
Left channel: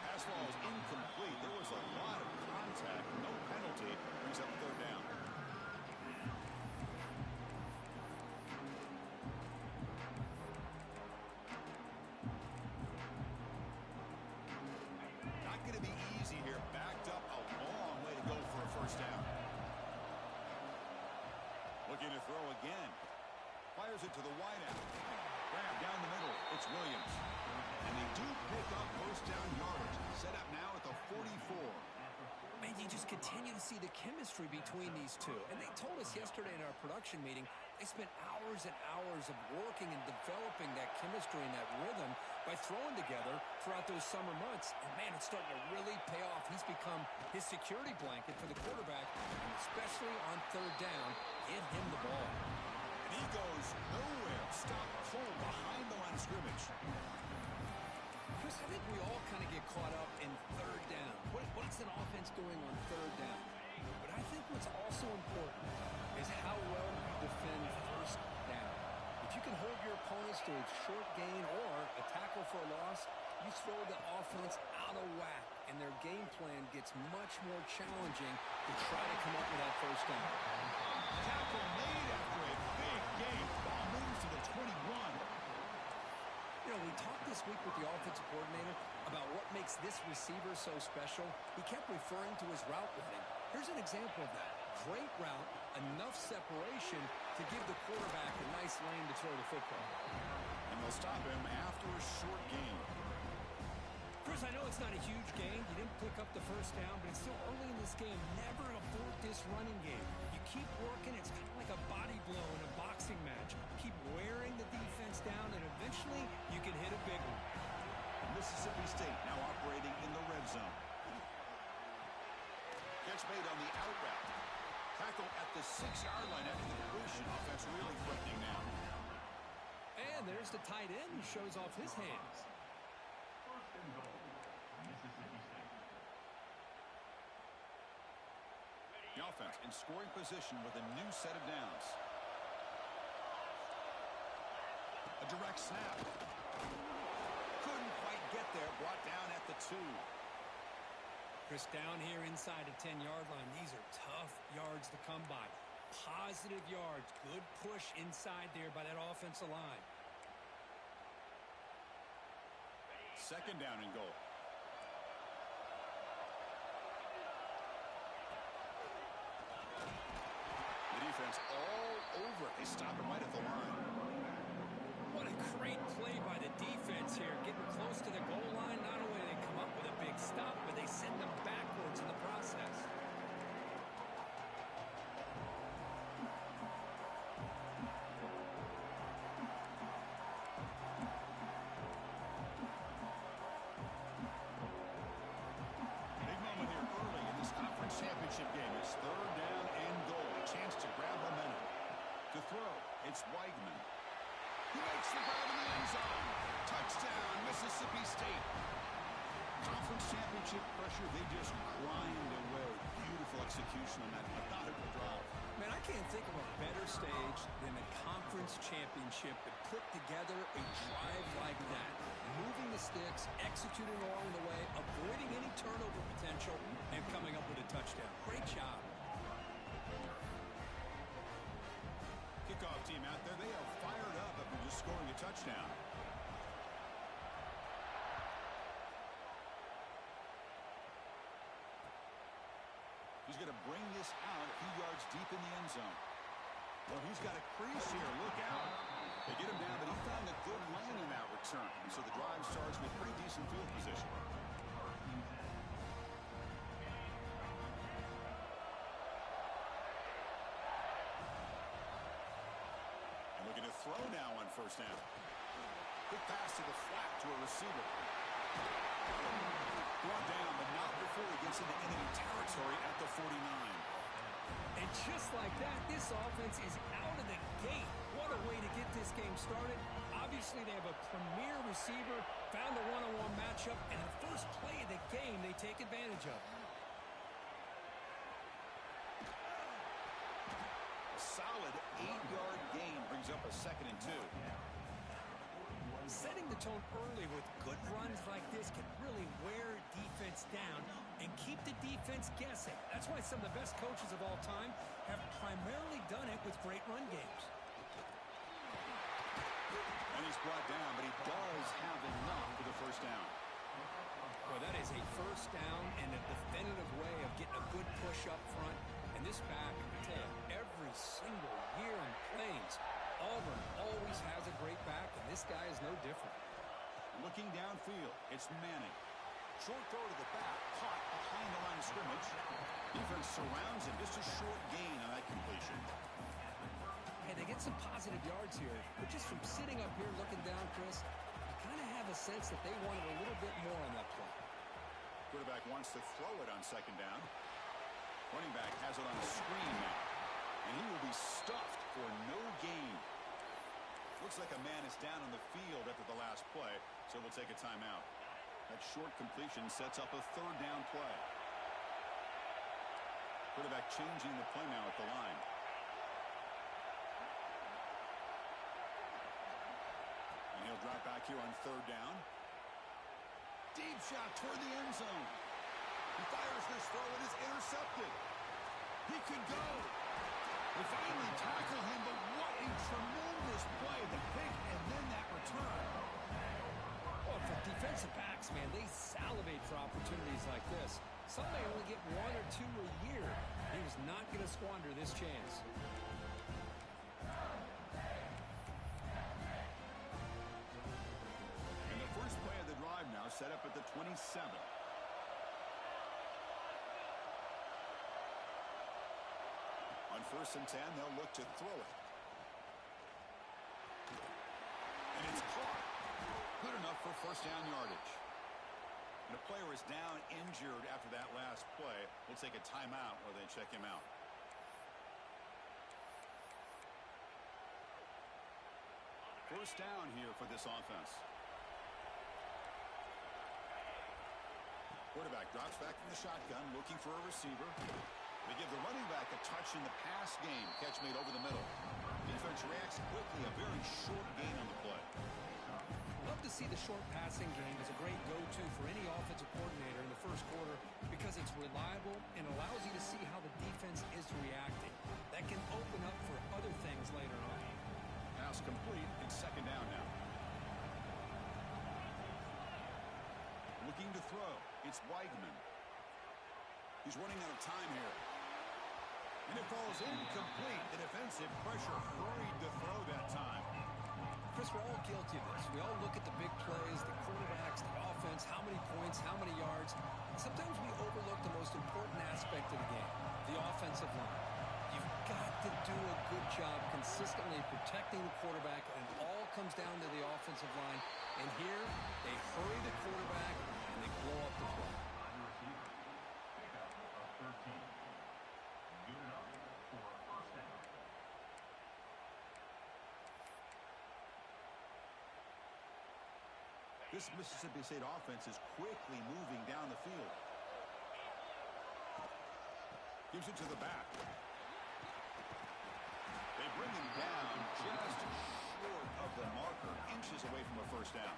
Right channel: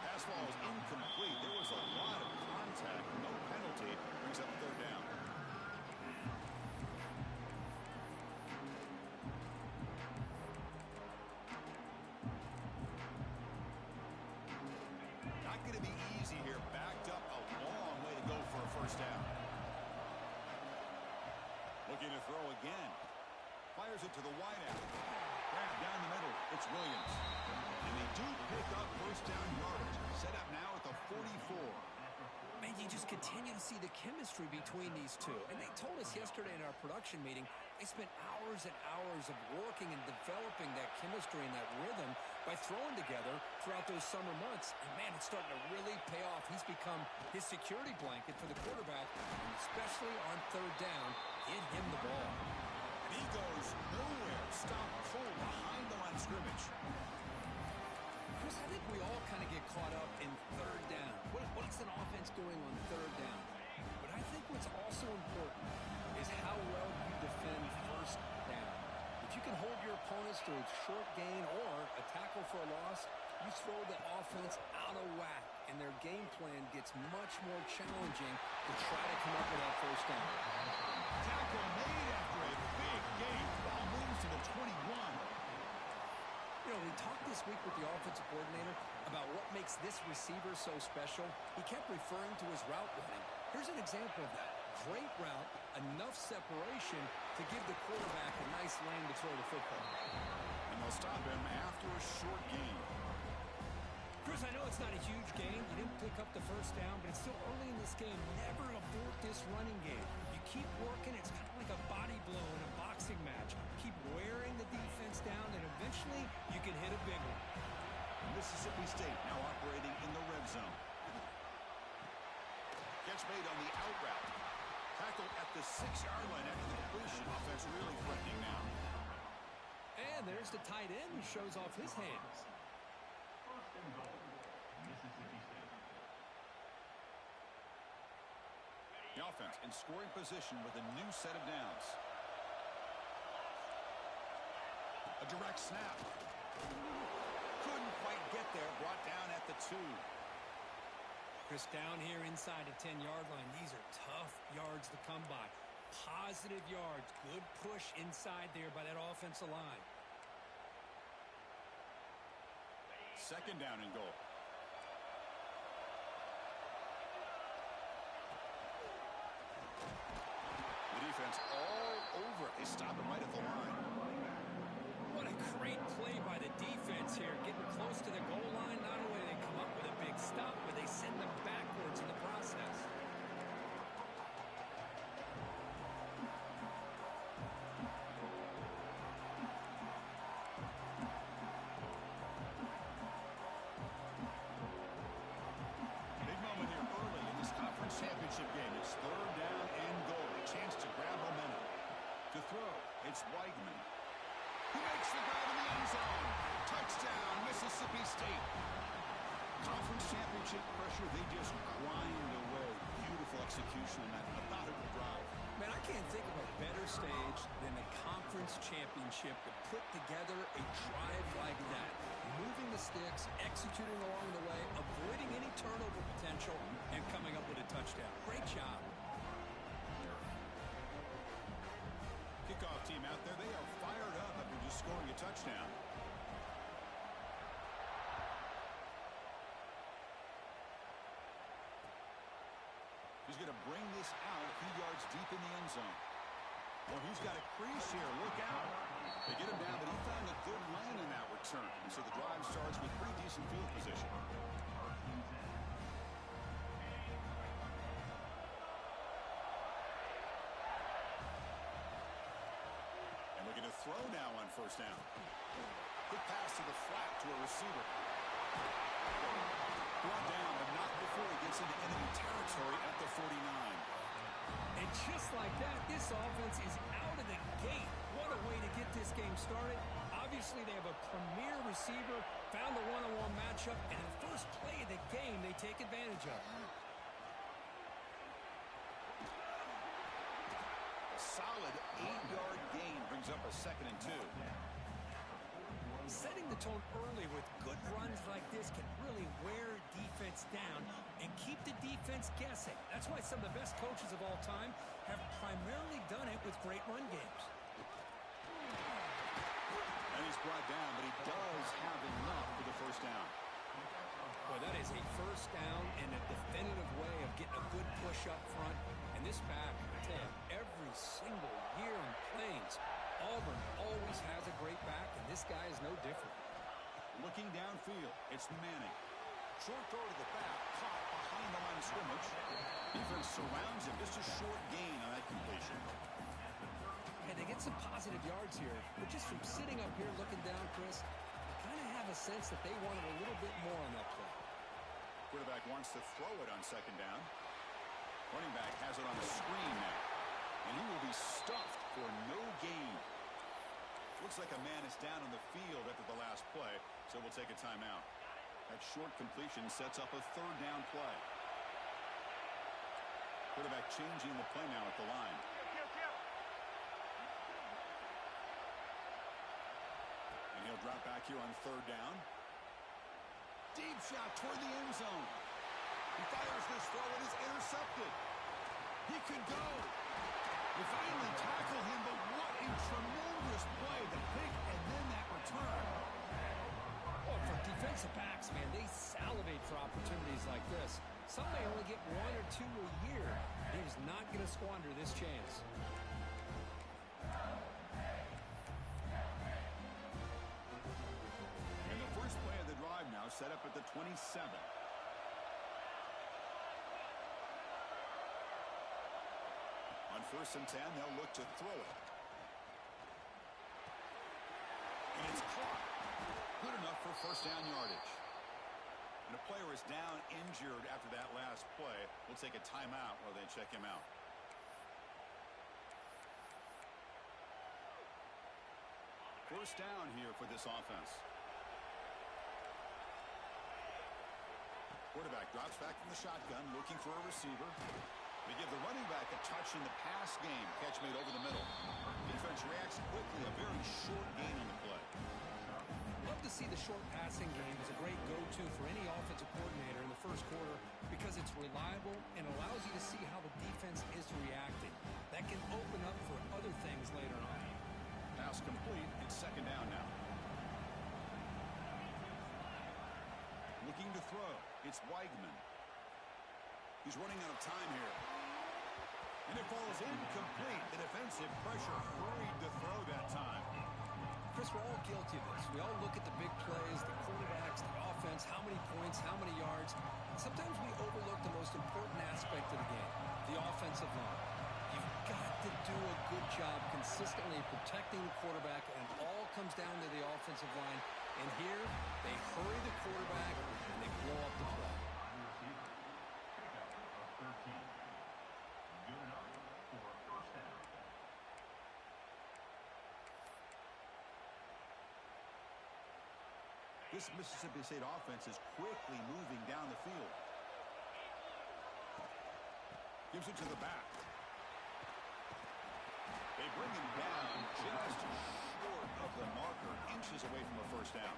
Pass ball is incomplete. There was a lot of contact. No penalty. Brings up third down. Not going to be easy here. Backed up a long way to go for a first down. Looking to throw again. Fires it to the wideout. Grab down the middle. It's Williams. And they do pick up first down yardage. Set up now at the 44. Man, you just continue to see the chemistry between these two. And they told us yesterday in our production meeting, they spent hours and hours of working and developing that chemistry and that rhythm by throwing together throughout those summer months. And, man, it's starting to really pay off. He's become his security blanket for the quarterback, and especially on third down, get him the ball. And he goes nowhere. Stop cold behind the line of scrimmage. Chris, I think we all kind of get caught up in third down. What's an offense doing on third down? But I think what's also important is how well you defend first down. If you can hold your opponents to a short gain or a tackle for a loss, you throw the offense out of whack, and their game plan gets much more challenging to try to come up with that first down. Tackle made after a big gain. Ball moves to the 21. You know, we talked this week with the offensive coordinator about what makes this receiver so special. He kept referring to his route running. Here's an example of that. Great route, enough separation to give the quarterback a nice lane to throw the football. And they'll stop him after a short gain. Chris, I know it's not a huge gain. You didn't pick up the first down, but it's still early in this game. Never abort this running game. You keep working. It's kind of like a body blow in a boxing match. Keep wearing the defense down, and eventually you can hit a big one. Mississippi State now operating in the red zone. catch made on the out route. Tackle at the 6-yard line after the completion. Offense really threatening now. And there's the tight end who shows off his hands. First and goal, Mississippi State. The offense in scoring position with a new set of downs. A direct snap. Couldn't quite get there. Brought down at the 2. Chris, down here inside the 10-yard line, these are tough yards to come by. Positive yards. Good push inside there by that offensive line. Second down and goal. The defense all over it. They stop him right at the line. What a great play by the defense here. Getting close to the goal line. Not only do they come up with a big stop, but they send them backwards in the process. Big moment here early in this conference championship game. It's third down and goal. A chance to grab momentum. To throw, it's Weigman. He makes the grab in the end zone. Touchdown, Mississippi State. Conference championship pressure, they just grind away. Beautiful execution on that methodical drive. Man, I can't think of a better stage than a conference championship to put together a drive like that. Moving the sticks, executing along the way, avoiding any turnover potential, and coming up with a touchdown. Great job. Kickoff team out there, they are fired up after just scoring a touchdown. He's going to bring this out a few yards deep in the end zone. Well, he's got a crease here. Look out. They get him down, but he found a good lane in that return. And so the drive starts with pretty decent field position. Looking to throw now on first down. Quick pass to the flat to a receiver. Brought down, but not before he gets into enemy territory at the 49. And just like that, this offense is out of the gate. What a way to get this game started. Obviously, they have a premier receiver, found a one-on-one matchup, and in the first play of the game, they take advantage of it. A solid 8-yard gain brings up a 2nd and 2. Setting the tone early with good runs like this can really wear defense down and keep the defense guessing. That's why some of the best coaches of all time have primarily done it with great run games. And he's brought down, but he does have enough for the first down. Boy, that is a first down in a definitive way of getting a good push up front. And this back, I tell you, every single year in Plains, Auburn always has a great back, and this guy is no different. Looking downfield, it's Manning. Short throw to the back, caught behind the line of scrimmage. Defense surrounds him, just a short gain on that completion. Hey, they get some positive yards here, but just from sitting up here looking down, Chris, you kind of have a sense that they wanted a little bit more on that play. Quarterback wants to throw it on second down. Running back has it on a screen now, and he will be stuffed for no gain. Looks like a man is down on the field after the last play, so we'll take a timeout. That short completion sets up a third down play. Quarterback changing the play now at the line. And he'll drop back here on third down. Deep shot toward the end zone. He fires this throw and is intercepted. He could go. They finally tackle him, but what a tremendous play. The pick and then that return. Well, for defensive backs, man, they salivate for opportunities like this. Some may only get 1 or 2 a year. He was not going to squander this chance. And the first play of the drive now set up at the 27. On 1st and 10, they'll look to throw it. And it's caught. Good enough for first down yardage. And a player is down injured after that last play. We'll take a timeout while they check him out. First down here for this offense. Quarterback drops back from the shotgun, looking for a receiver. They give the running back a touch in the pass game. Catch made over the middle. Defense reacts quickly. A very short gain on the play. Love to see the short passing game as a great go-to for any offensive coordinator in the first quarter because it's reliable and allows you to see how the defense is reacting. That can open up for other things later on. Pass complete and second down now. Looking to throw. It's Weigman. He's running out of time here. And it falls incomplete. The defensive pressure hurried to throw that time. Chris, we're all guilty of this. We all look at the big plays, the quarterbacks, the offense, how many points, how many yards. Sometimes we overlook the most important aspect of the game, the offensive line. You've got to do a good job consistently protecting the quarterback, and it all comes down to the offensive line. And here, they hurry the quarterback, and they blow up the play. Pickup of 13. Good enough for a first down. This Mississippi State offense is quickly moving down the field. Gives it to the back. They bring him down just short of the marker, inches away from a first down.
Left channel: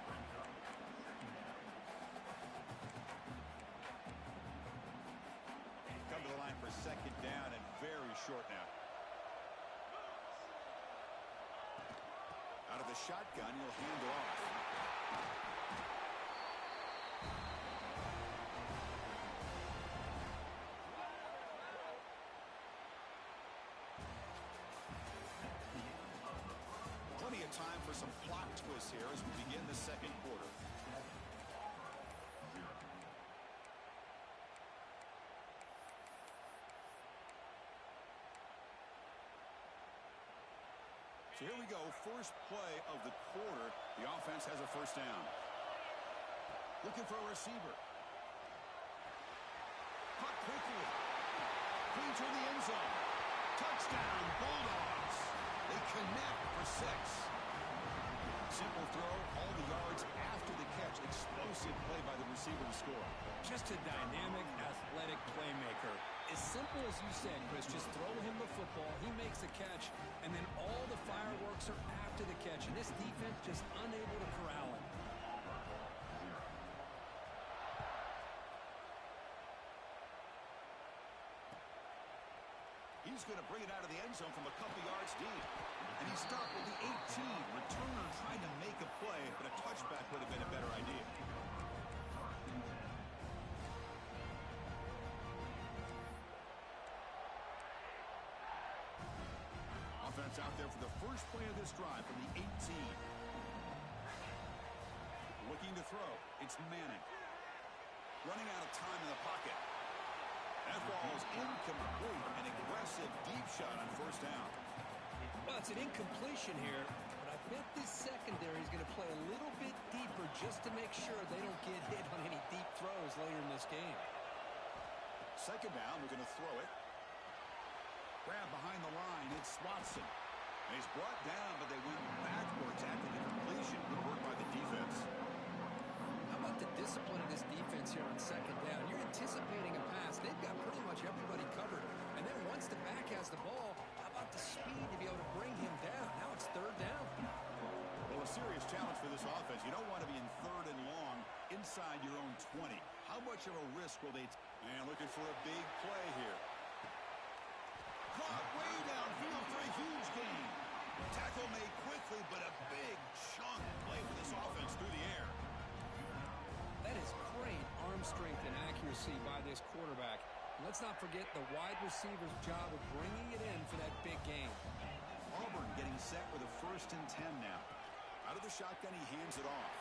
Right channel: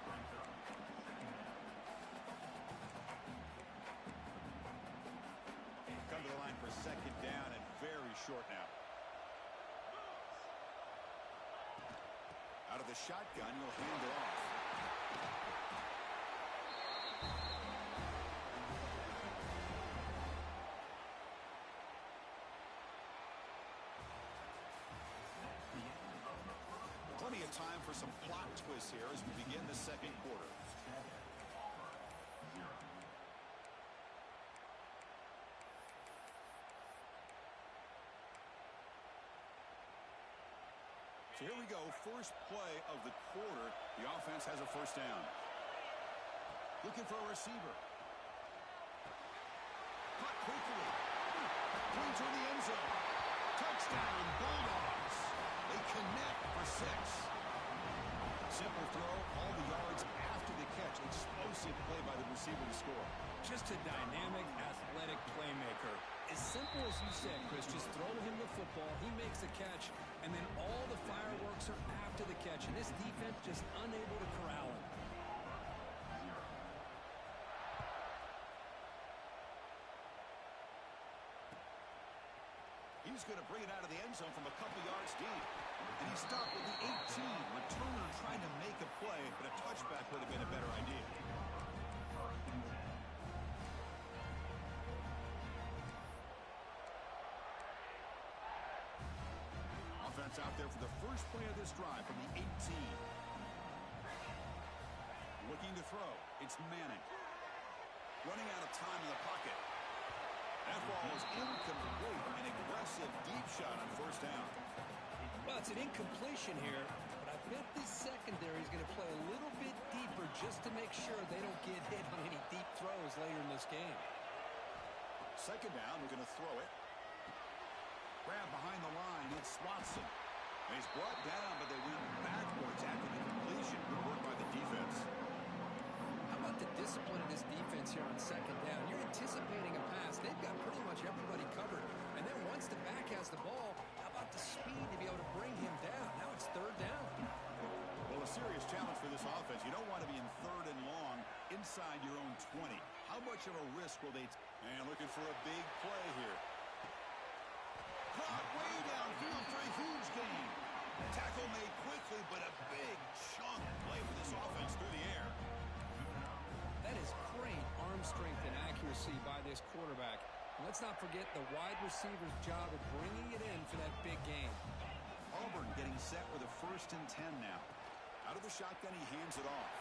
Come to the line for second down and very short now. Out of the shotgun, he'll hand it off. Plenty of time for some plot twists here as we begin the second quarter. So here we go, first play of the quarter. The offense has a first down. Looking for a receiver. Caught quickly. Clean toward the end zone. Touchdown, Bulldogs. They connect for 6. Simple throw, all the yards after the catch. Explosive play by the receiver to score. Just a dynamic, athletic playmaker. As simple as you said, Chris, just throw him the football, he makes a catch, and then all the fireworks are after the catch, and this defense just unable to corral him. He's going to bring it out of the end zone from a couple yards deep. And he stopped at the 18. Returner trying to make a play, but a touchback would have been a better idea. Offense out there for the first play of this drive from the 18. Looking to throw. It's Manning. Running out of time in the pocket. That ball is incomplete. An aggressive deep shot on first down. Well, it's an incompletion here, but I bet this secondary is going to play a little bit deeper just to make sure they don't get hit on any deep throws later in this game. Second down, we're going to throw it. Grab behind the line, it's Watson. And he's brought down, but they went backwards after the completion. Good work by the defense. How about the discipline of this defense here on second down? You're anticipating a pass. They've got pretty much everybody covered. And then once the back has the ball, how about the speed to be able to bring him down? Now it's third down. Well, a serious challenge for this offense. You don't want to be in third and long inside your own 20. How much of a risk will they take? And looking for a big play here. Caught way downfield for a huge gain. Tackle made quickly, but a big chunk play for this offense through the air. That is great arm strength and accuracy by this quarterback. And let's not forget the wide receiver's job of bringing it in for that big game. Auburn getting set with a 1st and 10 now. Out of the shotgun, he hands it off.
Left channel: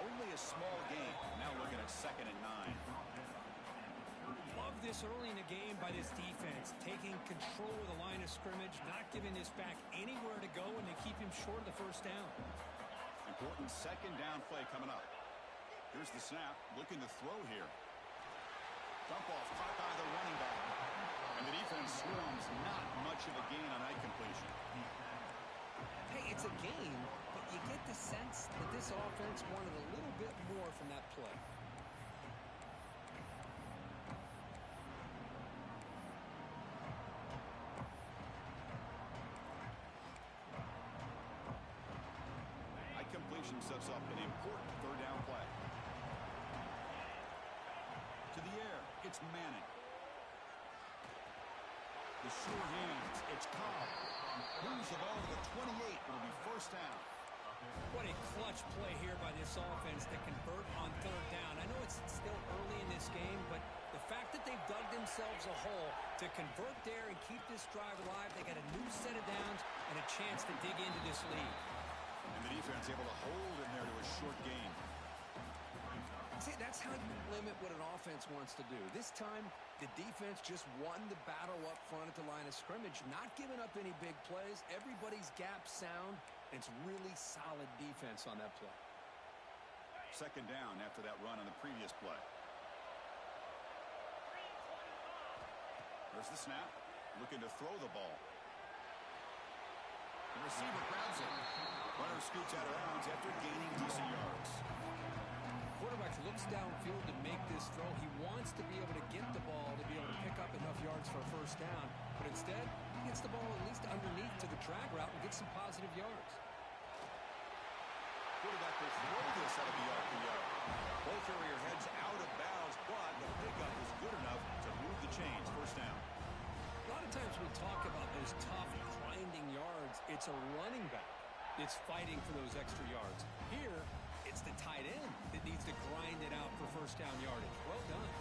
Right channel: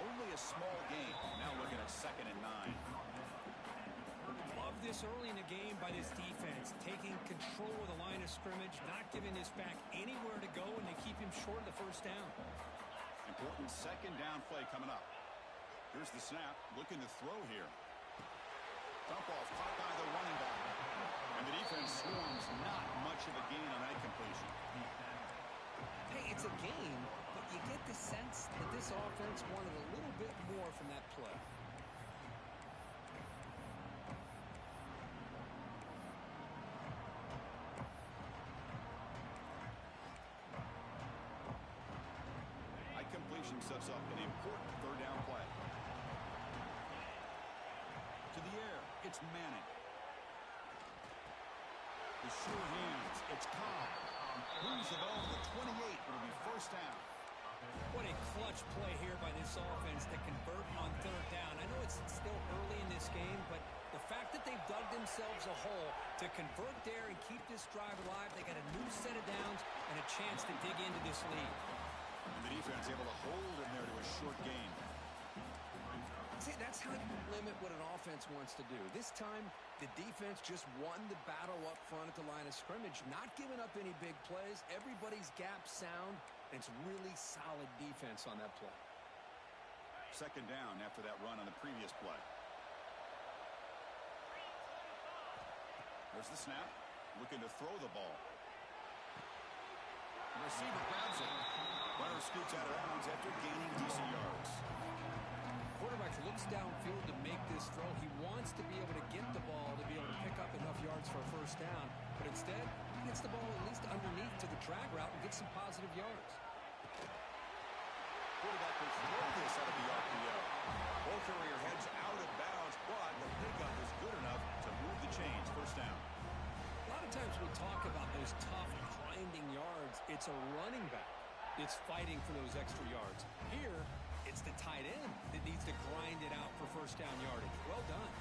Only a small gain. Now looking at 2nd and 9. Love this early in the game by this defense, taking control of the line of scrimmage, not giving this back anywhere to go, and they keep him short of the first down. Important 2nd down play coming up. Here's the snap. Looking to throw here. Dump off caught by the running back. And the defense swarms. Not much of a gain on that completion. Hey, it's a game, but you get the sense that this offense wanted a little bit more from that play. High completion sets up an important third down play. To the air, it's Manning. The sure hands, it's Cobb. Moves the ball to the 28. It'll be first down. What a clutch play here by this offense to convert on third down. I know it's still early in this game, but the fact that they've dug themselves a hole to convert there and keep this drive alive, they got a new set of downs and a chance to dig into this lead. And the defense able to hold him there to a short gain. See, that's how you limit what an offense wants to do. This time, the defense just won the battle up front at the line of scrimmage, not giving up any big plays. Everybody's gap sound, and it's really solid defense on that play. Second down after that run on the previous play. There's the snap. Looking to throw the ball. The receiver grabs it. Runner scoots out of bounds after gaining decent yards. Quarterback looks downfield to make this throw. He wants to be able to get the ball to be able to pick up enough yards for a first down. But instead, he gets the ball at least underneath to the drag route and gets some positive yards. Quarterback will throw this out of the RPO. Ball carrier heads out of bounds, but the pickup is good enough to move the chains. First down. A lot of times we talk about those tough, grinding yards. It's a running back that's fighting for those extra yards. Here, it's the tight end that needs to grind it out for first down yardage. Well done.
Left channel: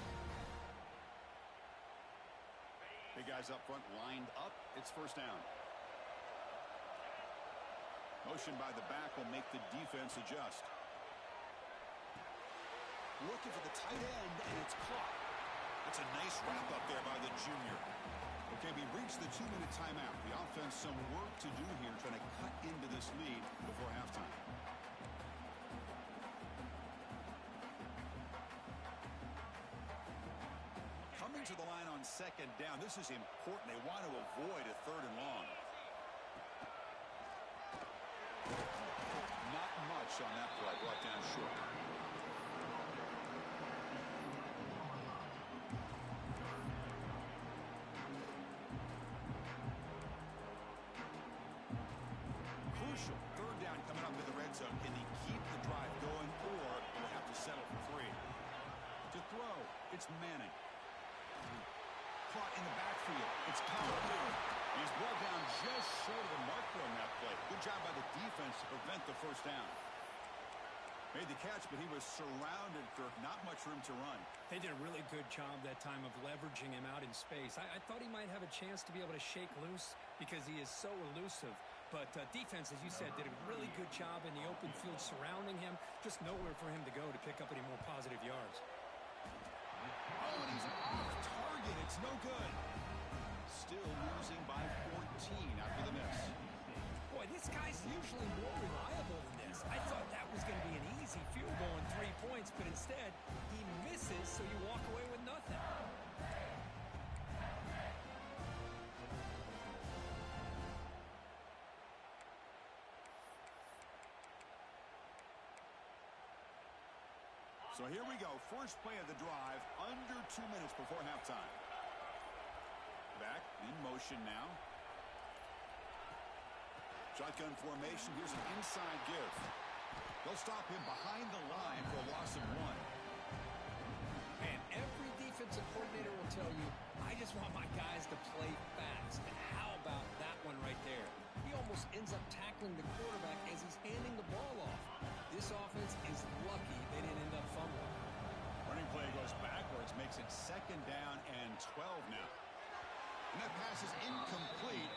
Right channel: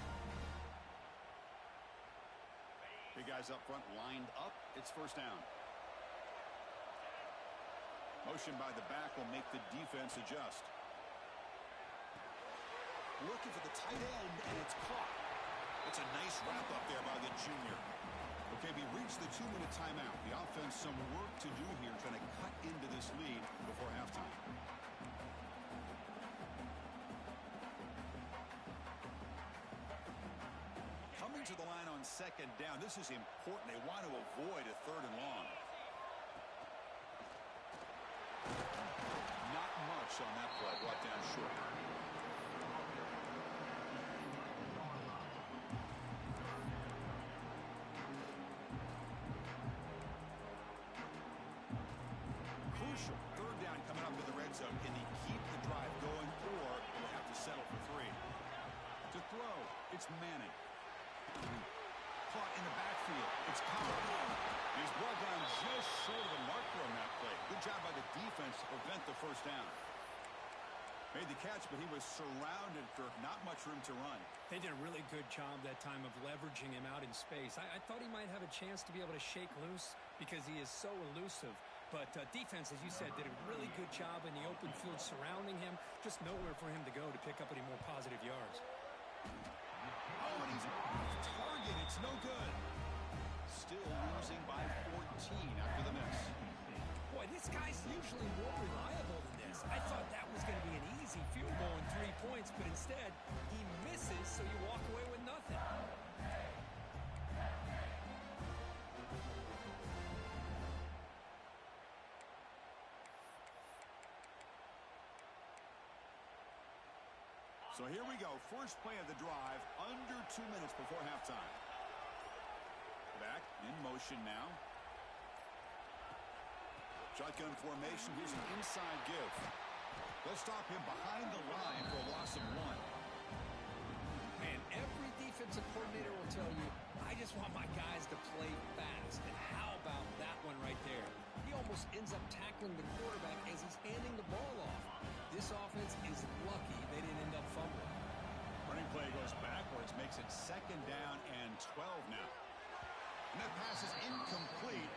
Big guys up front lined up. It's first down. Motion by the back will make the defense adjust. Looking for the tight end, and it's caught. That's a nice wrap up there by the junior. Okay, we reached the 2-minute timeout. The offense some work to do here, trying to cut into this lead before halftime. Coming to the line on second down. This is important. They want to avoid a third and long. Not much on that play. Brought down short. Crucial. Third down coming up in the red zone. Can he keep the drive going, or will they have to settle for three? To throw, it's Manning. Caught in the backfield. It's Cobb. He's brought down just short of the marker on that play. Good job by the defense to prevent the first down. Made the catch, but he was surrounded, Kirk. Not much room to run. They did a really good job that time of leveraging him out in space. I thought he might have a chance to be able to shake loose because he is so elusive. But defense, as you said, did a really good job in the open field surrounding him. Just nowhere for him to go to pick up any more positive yards. Oh, and he's off target. It's no good. Still losing by 14 after the miss. Boy, this guy's usually more reliable than this. I thought that was going to be an easy field goal and 3 points, but instead, he misses, so you walk away with nothing. So here we go. First play of the drive, under 2 minutes before halftime. Back in motion now. Shotgun formation. Here's an inside give. They'll stop him behind the line for a loss of 1. Man, every defensive coordinator will tell you, I just want my guys to play fast. And how about that one right there? He almost ends up tackling the quarterback as he's handing the ball off. This offense is lucky they didn't end up fumbling. Running play goes backwards, makes it second down and 12 now. And that pass is incomplete.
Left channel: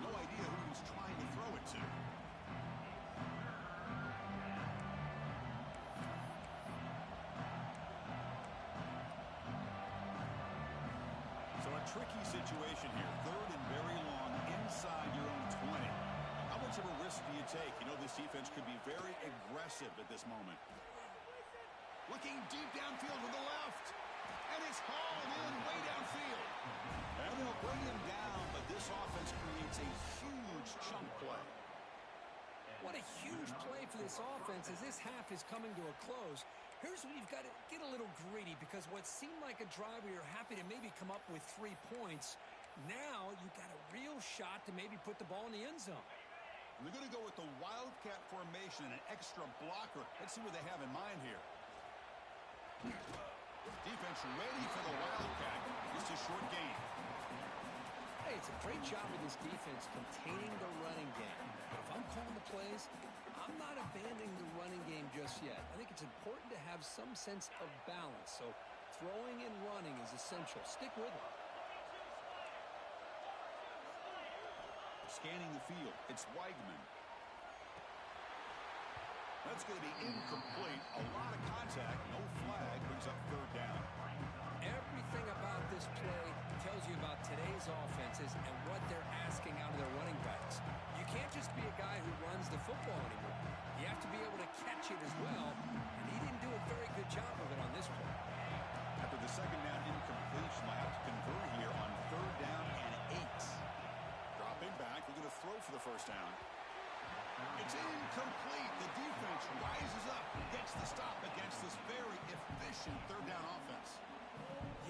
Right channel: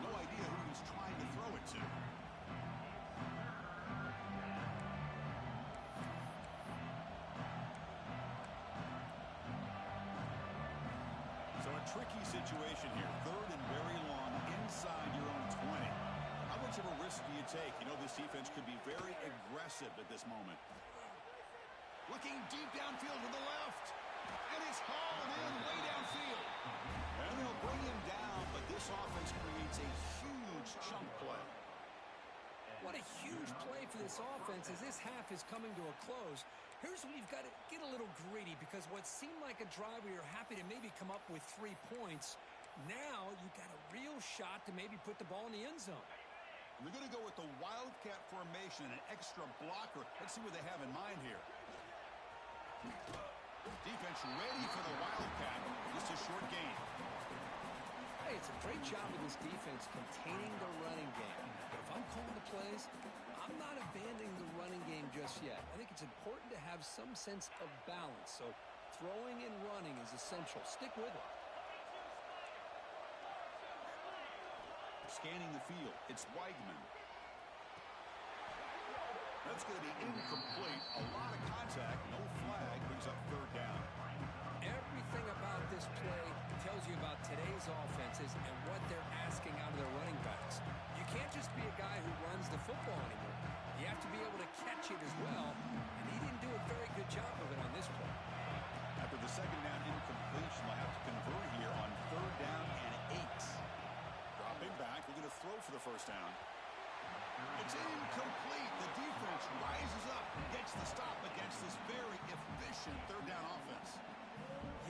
No idea who he's trying to throw it to. So a tricky situation here. Third and very long inside your own 20. How much of a risk do you take? You know this defense could be very aggressive at this moment. Looking deep downfield to the left. And it's hauled in way downfield. And they'll bring him down, but this offense creates a huge chunk play. What a huge play for this offense as this half is coming to a close. Here's where you've got to get a little greedy, because what seemed like a drive where you're happy to maybe come up with 3 points, now you've got a real shot to maybe put the ball in the end zone. And they're going to go with the Wildcat formation and an extra blocker. Let's see what they have in mind here. Defense ready for the Wildcat. Just a short gain. Hey, it's a great job of this defense containing the running game. But if I'm calling the plays, I'm not abandoning the running game just yet. I think it's important to have some sense of balance. So throwing and running is essential. Stick with it. Scanning the field. It's Weigman. That's going to be incomplete. A lot of contact. No flag. Brings up third down. Everything about this play tells you about today's offenses and what they're asking out of their running backs. You can't just be a guy who runs the football anymore. You have to be able to catch it as well, and he didn't do a very good job of it on this play. After the second down incompletion, they'll have to convert here on third down and 8. Dropping back, looking to throw for the first down. It's incomplete. The defense rises up and gets the stop against this very efficient third down offense.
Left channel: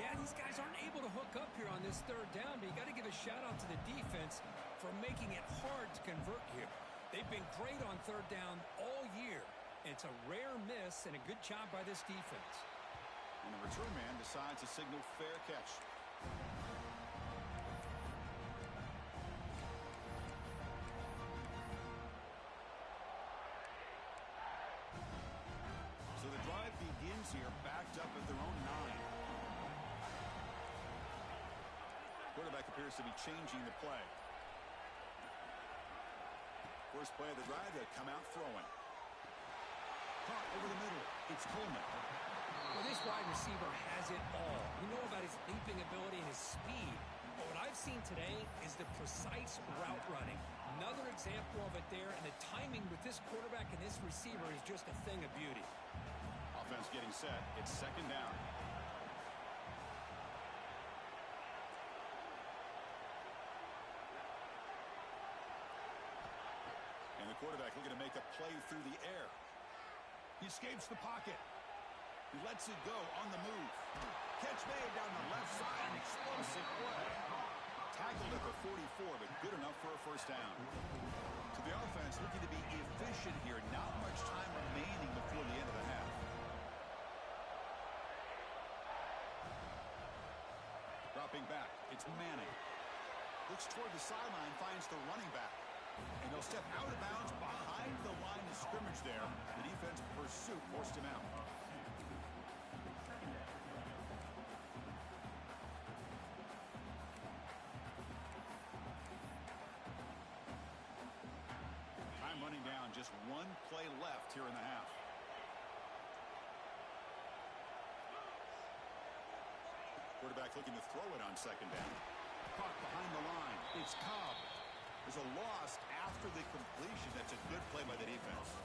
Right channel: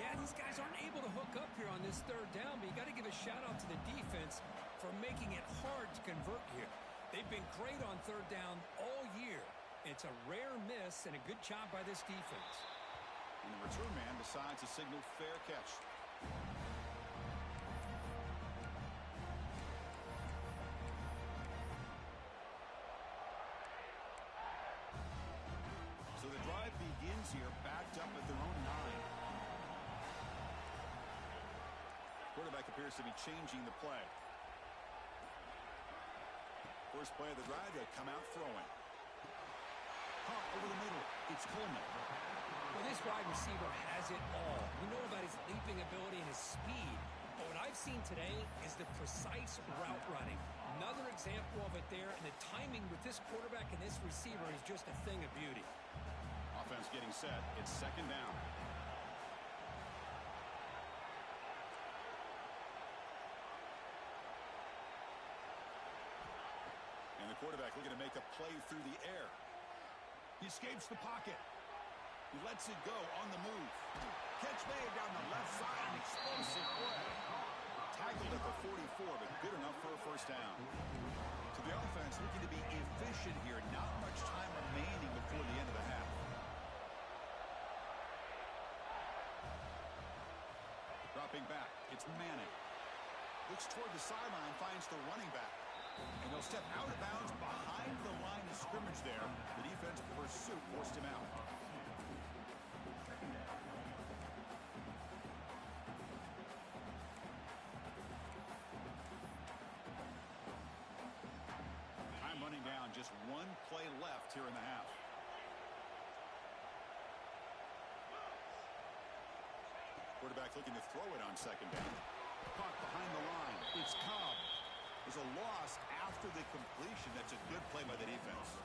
Yeah, these guys aren't able to hook up here on this third down, but you got to give a shout out to the defense for making it hard to convert here. They've been great on third down all year. It's a rare miss and a good job by this defense. And the return man decides to signal fair catch. So the drive begins here, backed up at their own 9. Quarterback appears to be changing the play. First play of the drive, they come out throwing. Caught over the middle. It's Coleman. Well, this wide receiver has it all. We know about his leaping ability and his speed. But what I've seen today is the precise route running. Another example of it there, and the timing with this quarterback and this receiver is just a thing of beauty. Offense getting set. It's second down. And the quarterback looking to make a play through the air. He escapes the pocket. He lets it go on the move. Catch made down the left side. An explosive play. Tackled at the 44, but good enough for a first down. To the offense, looking to be efficient here. Not much time remaining before the end of the half. Dropping back. It's Manning. Looks toward the sideline, finds the running back. And he'll step out of bounds behind the line of scrimmage there. The defense pursuit forced him out. Time running down. Just one play left here in the half. Quarterback looking to throw it on second down. Caught behind the line. It's Cobb. There's a loss after the completion. That's a good play by the defense.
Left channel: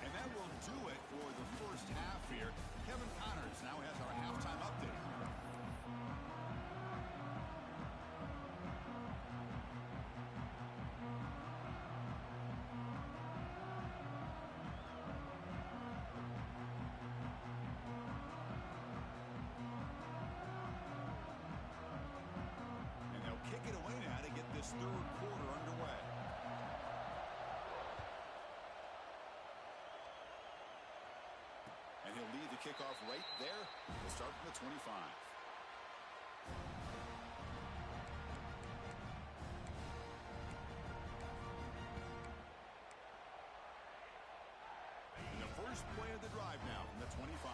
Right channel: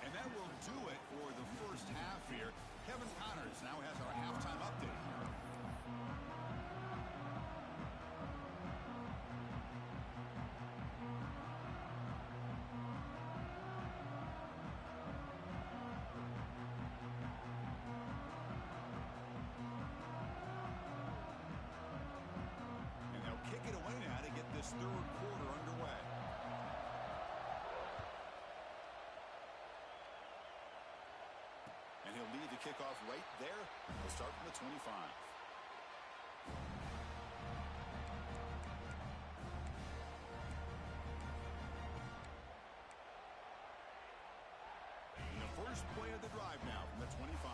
And that will do it for the first half here. Kevin Connors now has our halftime update. Kick it away now to get this third quarter underway. And he'll lead the kickoff right there. We'll start from the 25. And the first play of the drive now from the 25.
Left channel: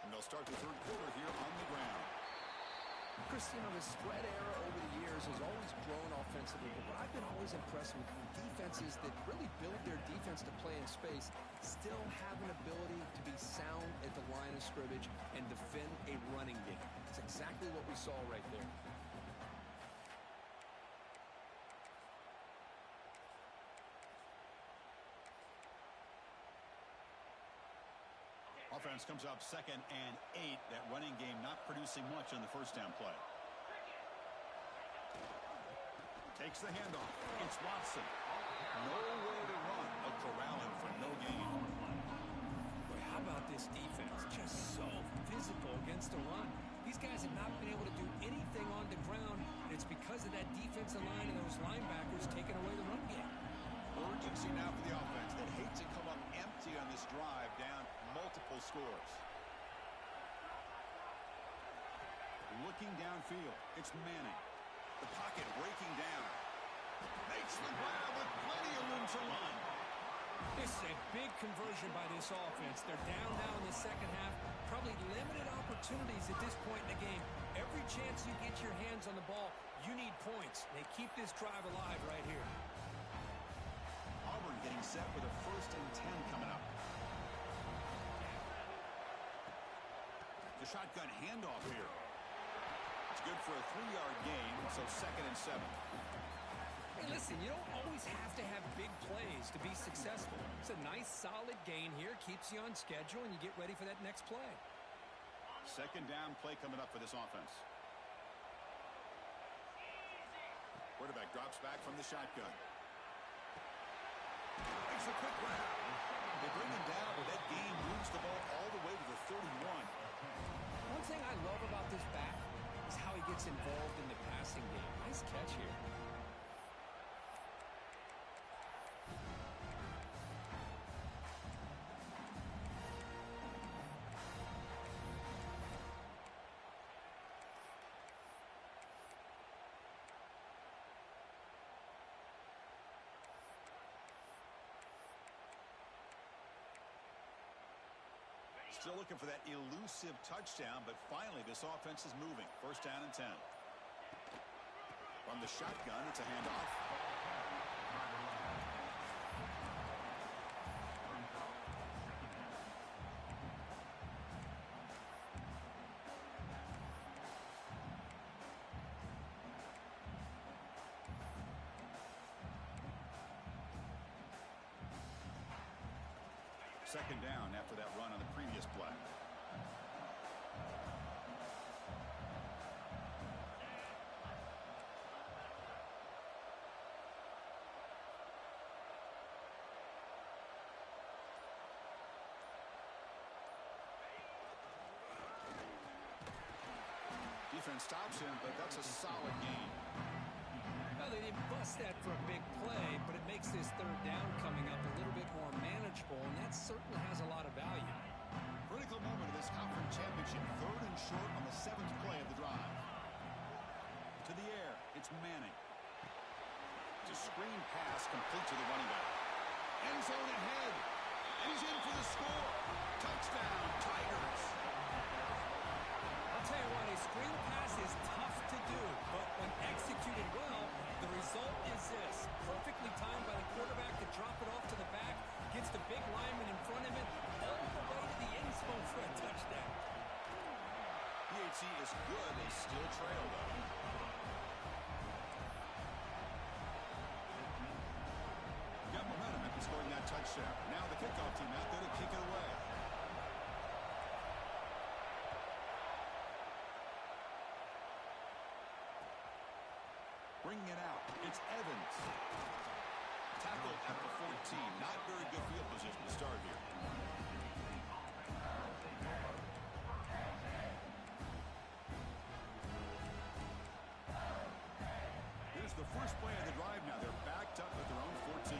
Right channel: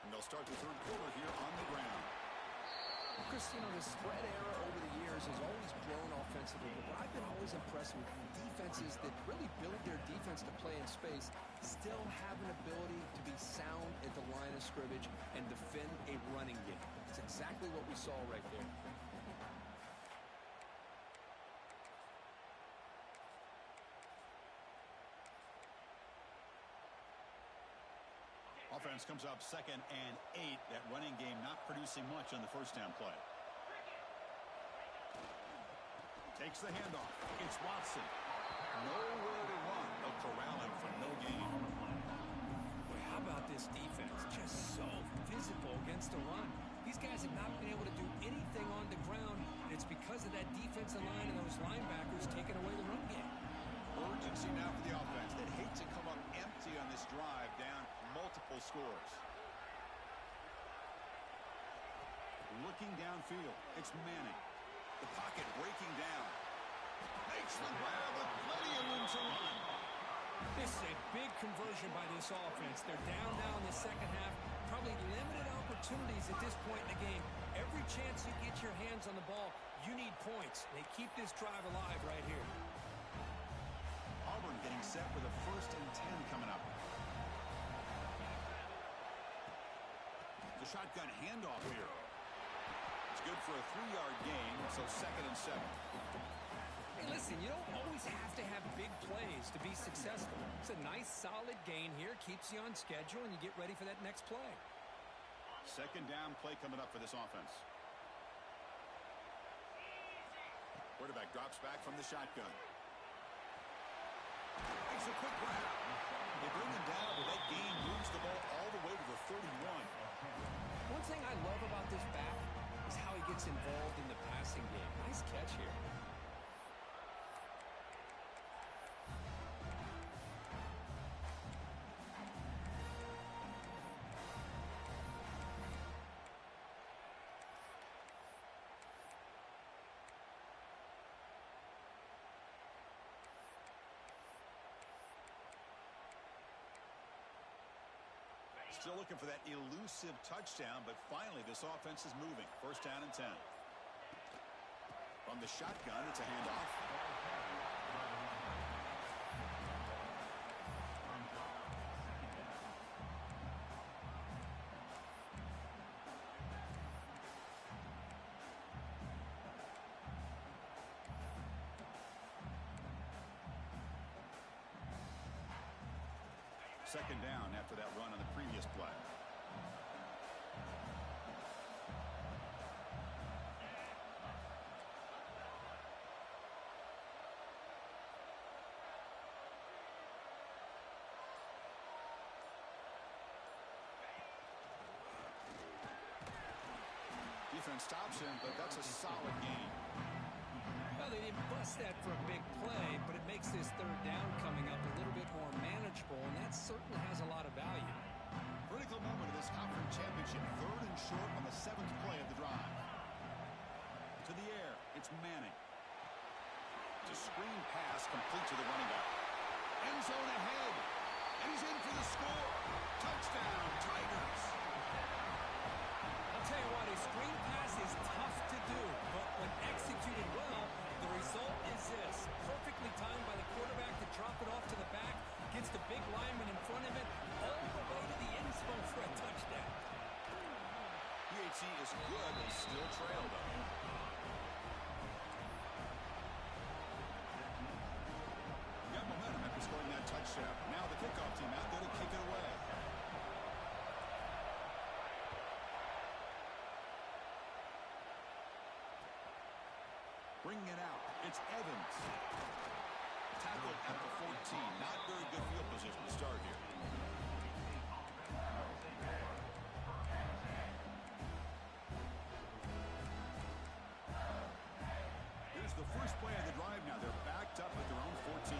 And they'll start the third quarter here on the ground. Chris, you know, the spread era over the years has always grown offensively, but what I've been always impressed with defenses that really build their defense to play in space still have an ability to be sound at the line of scrimmage and defend a running game. It's exactly what we saw right there. Offense comes up 2nd and 8. That running game not producing much on the first down play. Takes the handoff. It's Watson. Nowhere to run. They'll corral him for no gain. Boy, how about this defense? Just so physical against the run. These guys have not been able to do anything on the ground, and it's because of that defensive line and those linebackers taking away the run game. Urgency now for the offense that hate to come up empty on this drive, down multiple scores. Looking downfield, it's Manning. The pocket breaking down. Makes the grab with plenty of room to run. This is a big conversion by this offense. They're down now in the second half. Probably limited opportunities at this point in the game. Every chance you get your hands on the ball, you need points. They keep this drive alive right here. Auburn getting set with a 1st and 10 coming up. The shotgun handoff here. It's good for a 3-yard gain, so 2nd and 7. Hey, listen, you don't always have to have big plays to be successful. It's a nice, solid gain here. Keeps you on schedule, and you get ready for that next play. 2nd down play coming up for this offense. Quarterback drops back from the shotgun. Makes a quick grab. They bring him down, but that gain moves the ball all the way to the 31. One thing I love about this back is how he gets involved in the passing game. Nice catch here. Still looking for that elusive touchdown, but finally this offense is moving. 1st down and 10. From the shotgun, it's a handoff. Second down after that run on the previous play. Defense stops him, but that's a solid gain. Well, they didn't bust that for a big play, but it makes this 3rd down coming up a little bit more manageable, and that certainly has a lot of value. Critical moment of this conference championship. 3rd and short on the 7th play of the drive. To the air, it's Manning. It's a screen pass complete to the running back. End zone ahead, and he's in for the score. Touchdown, Tigers. I'll tell you what, a screen pass is tough to do, but when executed well, the result is this. Perfectly timed by the quarterback to drop it off to the back, gets the big lineman in front of it, all the way to the end zone for a touchdown. PHC is good. They still trail, though. Got momentum after scoring that touchdown. Now the kickoff team out there to kick it away. Bringing it out, it's Evans. Tackled at the 14. Not very good field position to start here. Here's the first play of the drive now. They're backed up at their own 14.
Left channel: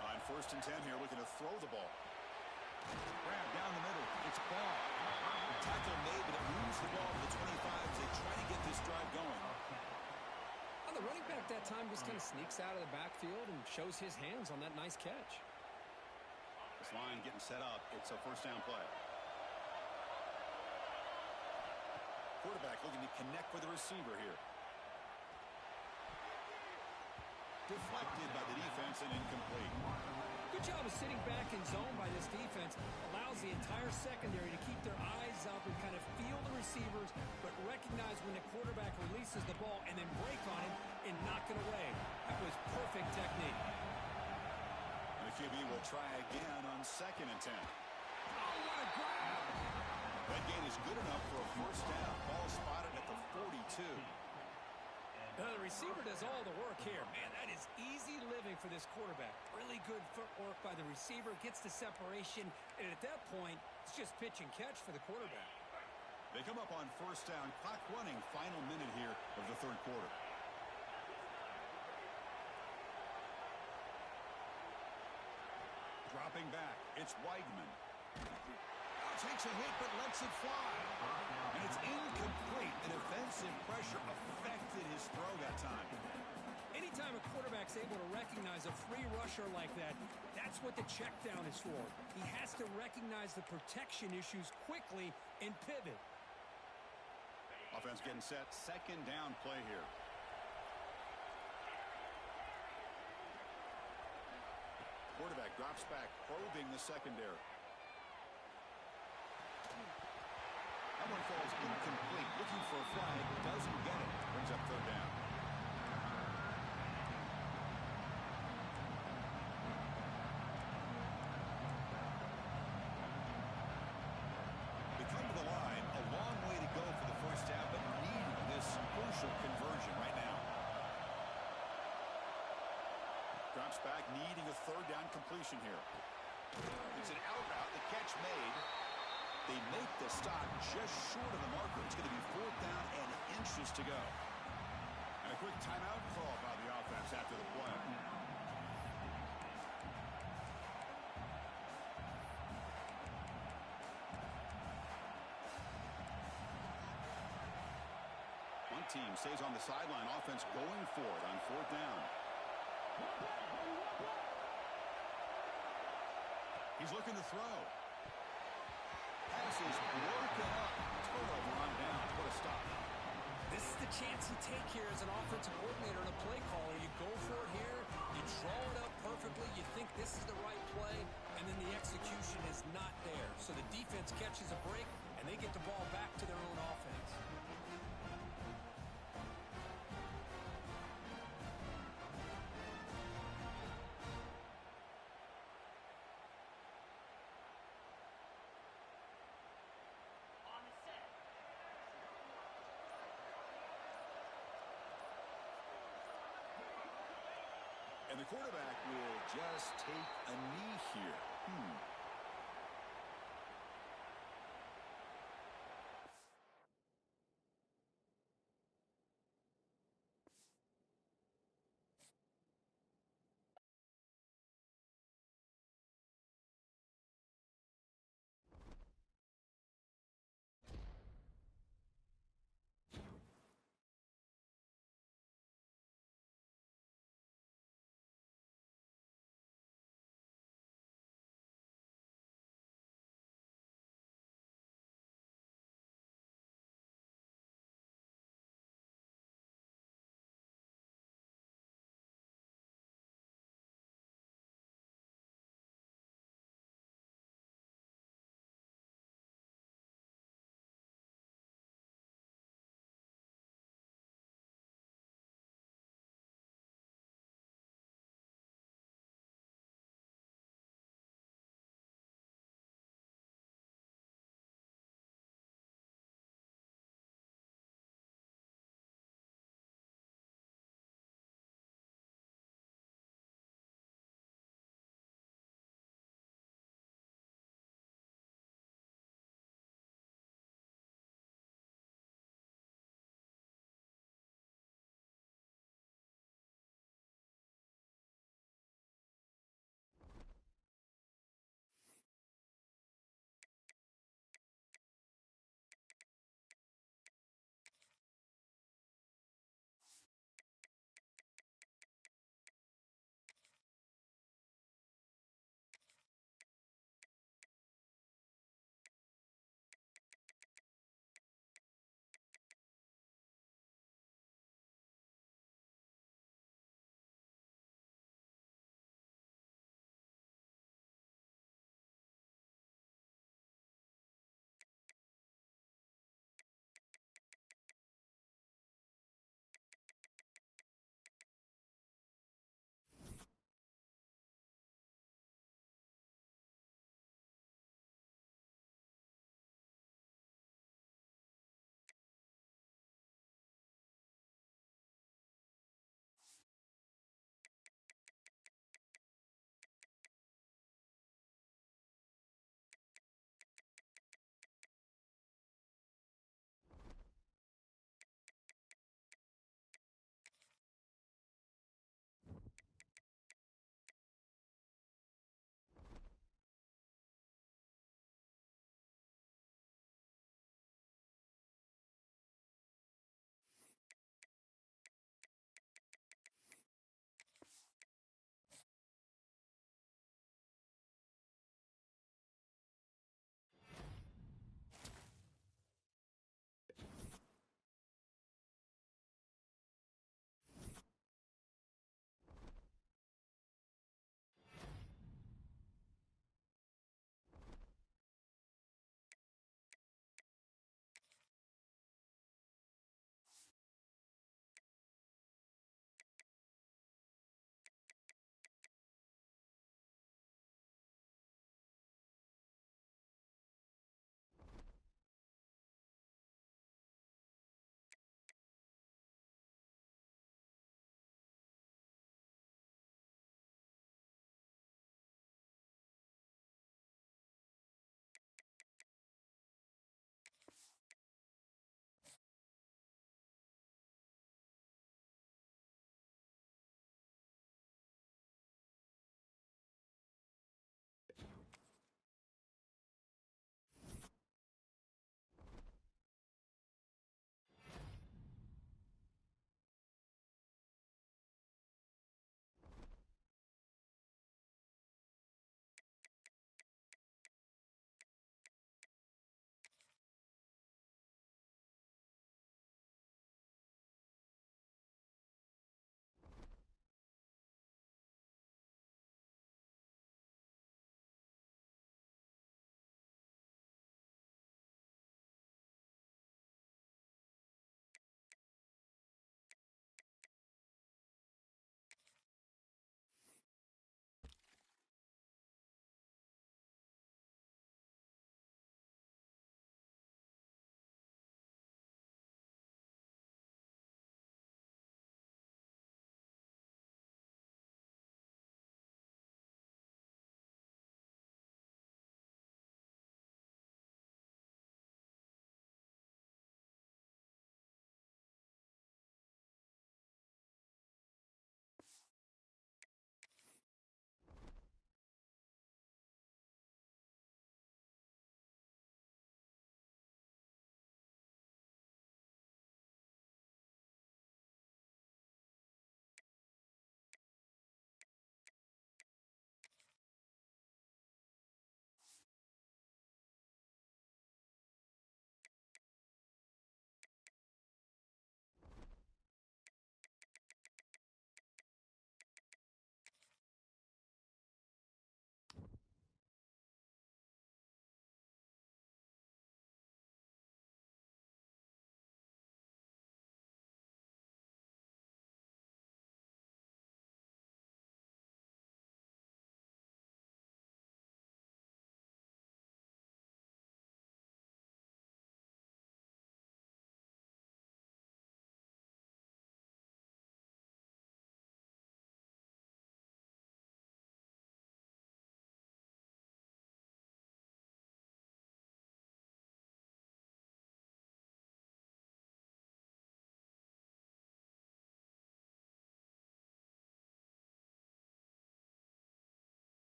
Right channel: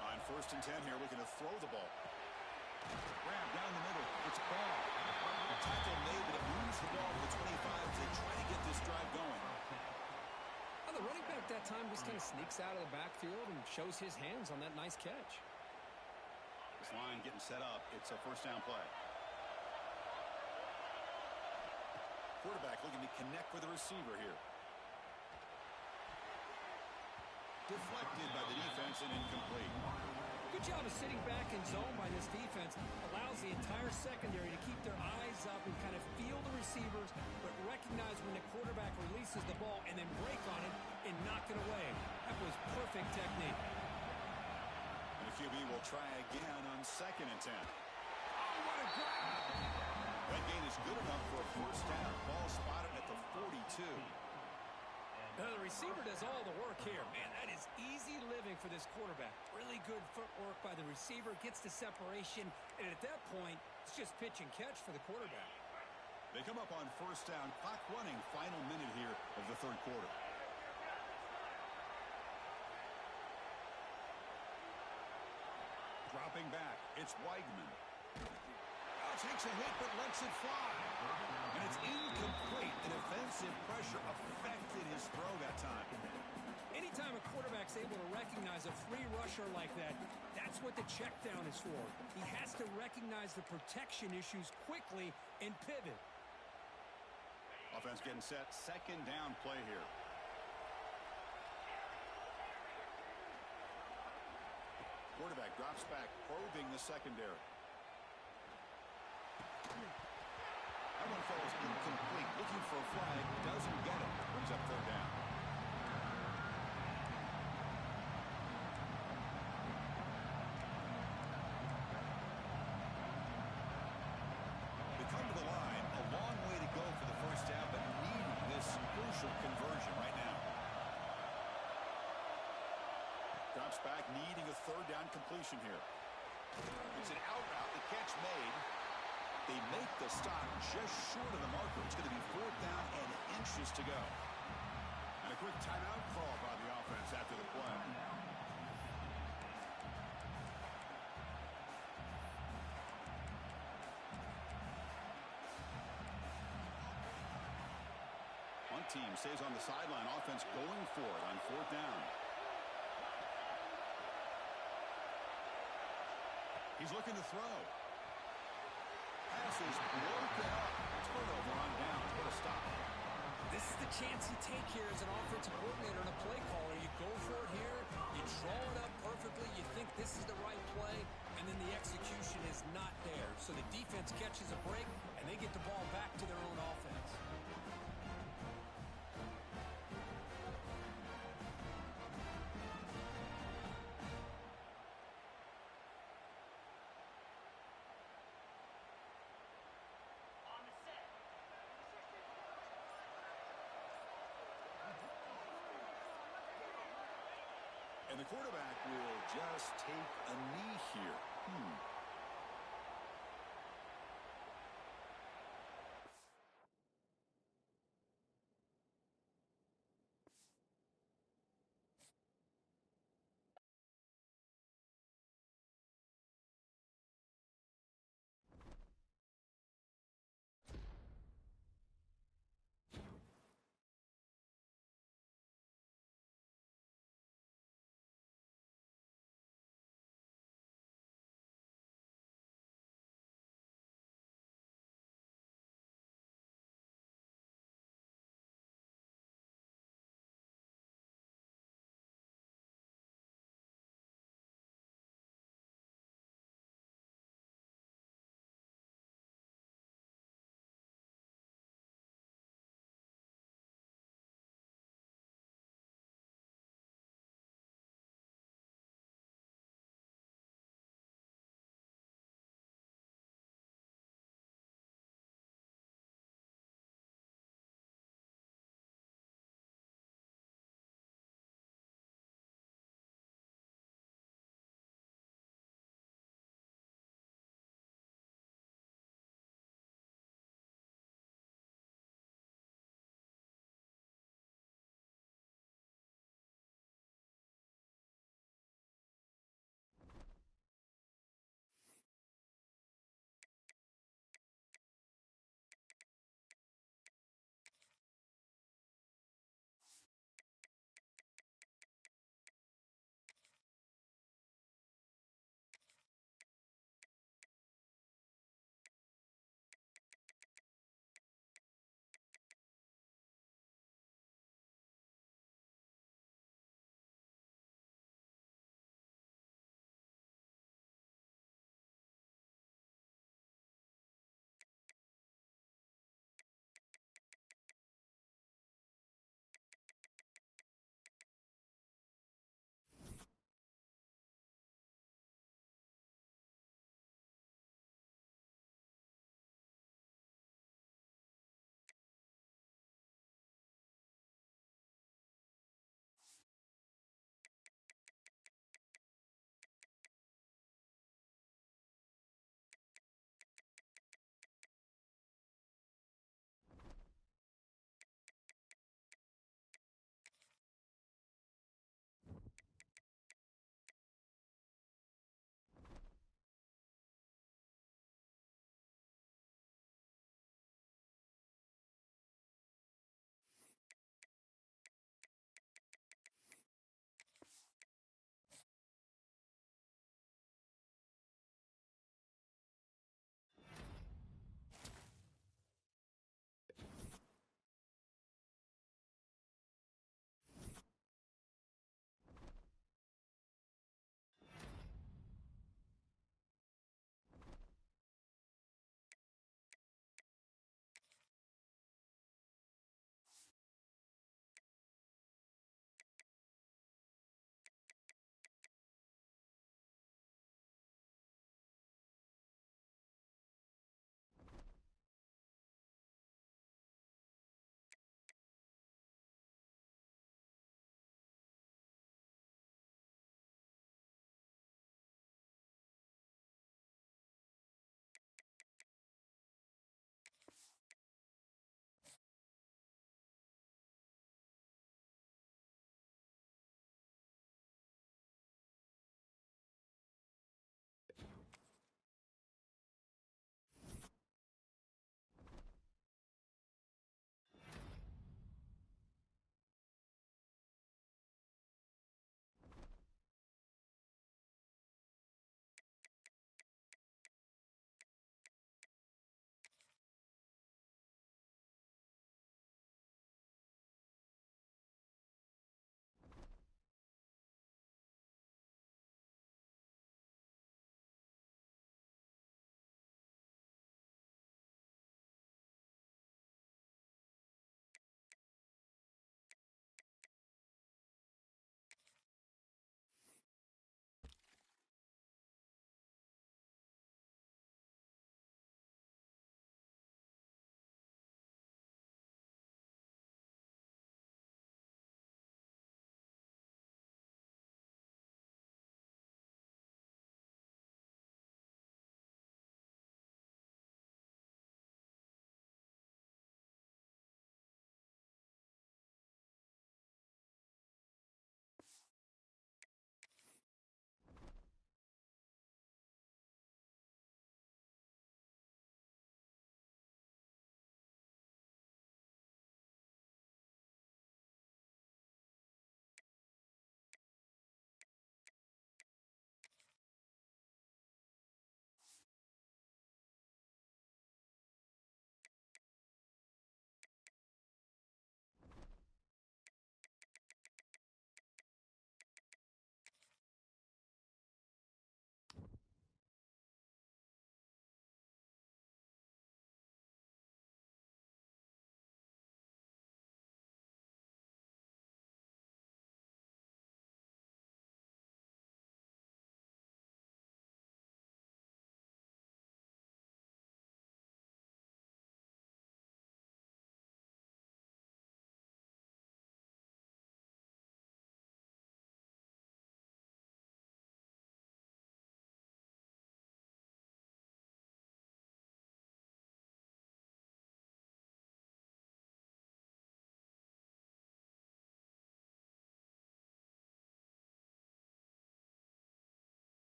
On 1st and 10 here, looking to throw the ball. Grab down the middle. It's Ball. Tackle made, but it moves the ball to the 25 as they try to get this drive going. Well, the running back that time just kind of sneaks out of the backfield and shows his hands on that nice catch. This line getting set up. It's a 1st down play. Quarterback looking to connect with the receiver here. Deflected by the defense and incomplete. Good job of sitting back in zone by this defense. Allows the entire secondary to keep their eyes up and kind of feel the receivers, but recognize when the quarterback releases the ball and then break on it and knock it away. That was perfect technique. And The QB will try again on 2nd and 10. Oh, what a grab! That gain is good enough for a first down. Ball spotted at the 42. The receiver does all the work here. Man, that is easy living for this quarterback. Really good footwork by the receiver, gets the separation, and at that point, it's just pitch and catch for the quarterback. They come up on first down. Clock running, final minute here of the third quarter. Dropping back, it's Weigman. Takes a hit but lets it fly. And it's incomplete. The defensive pressure affected his throw that time. Anytime a quarterback's able to recognize a free rusher like that, that's what the check down is for. He has to recognize the protection issues quickly and pivot. Offense getting set. 2nd down play here. Quarterback drops back, probing the secondary. That one falls incomplete. Looking for a flag. Doesn't get it. Brings up 3rd down. They come to the line. A long way to go for the first down, but needing this crucial conversion right now. Drops back, needing a 3rd down completion here. It's an out route. The catch made. They make the stop just short of the marker. It's going to be 4th down and inches to go. And a quick timeout call by the offense after the play. One team stays on the sideline. Offense going for it on 4th down. He's looking to throw. Pass is broken up. Turnover on down. What a stop. This is the chance you take here as an offensive coordinator and a play caller. You go for it here. You draw it up perfectly. You think this is the right play, and then the execution is not there. So the defense catches a break, and they get the ball back to their own offense. And the quarterback will just take a knee here.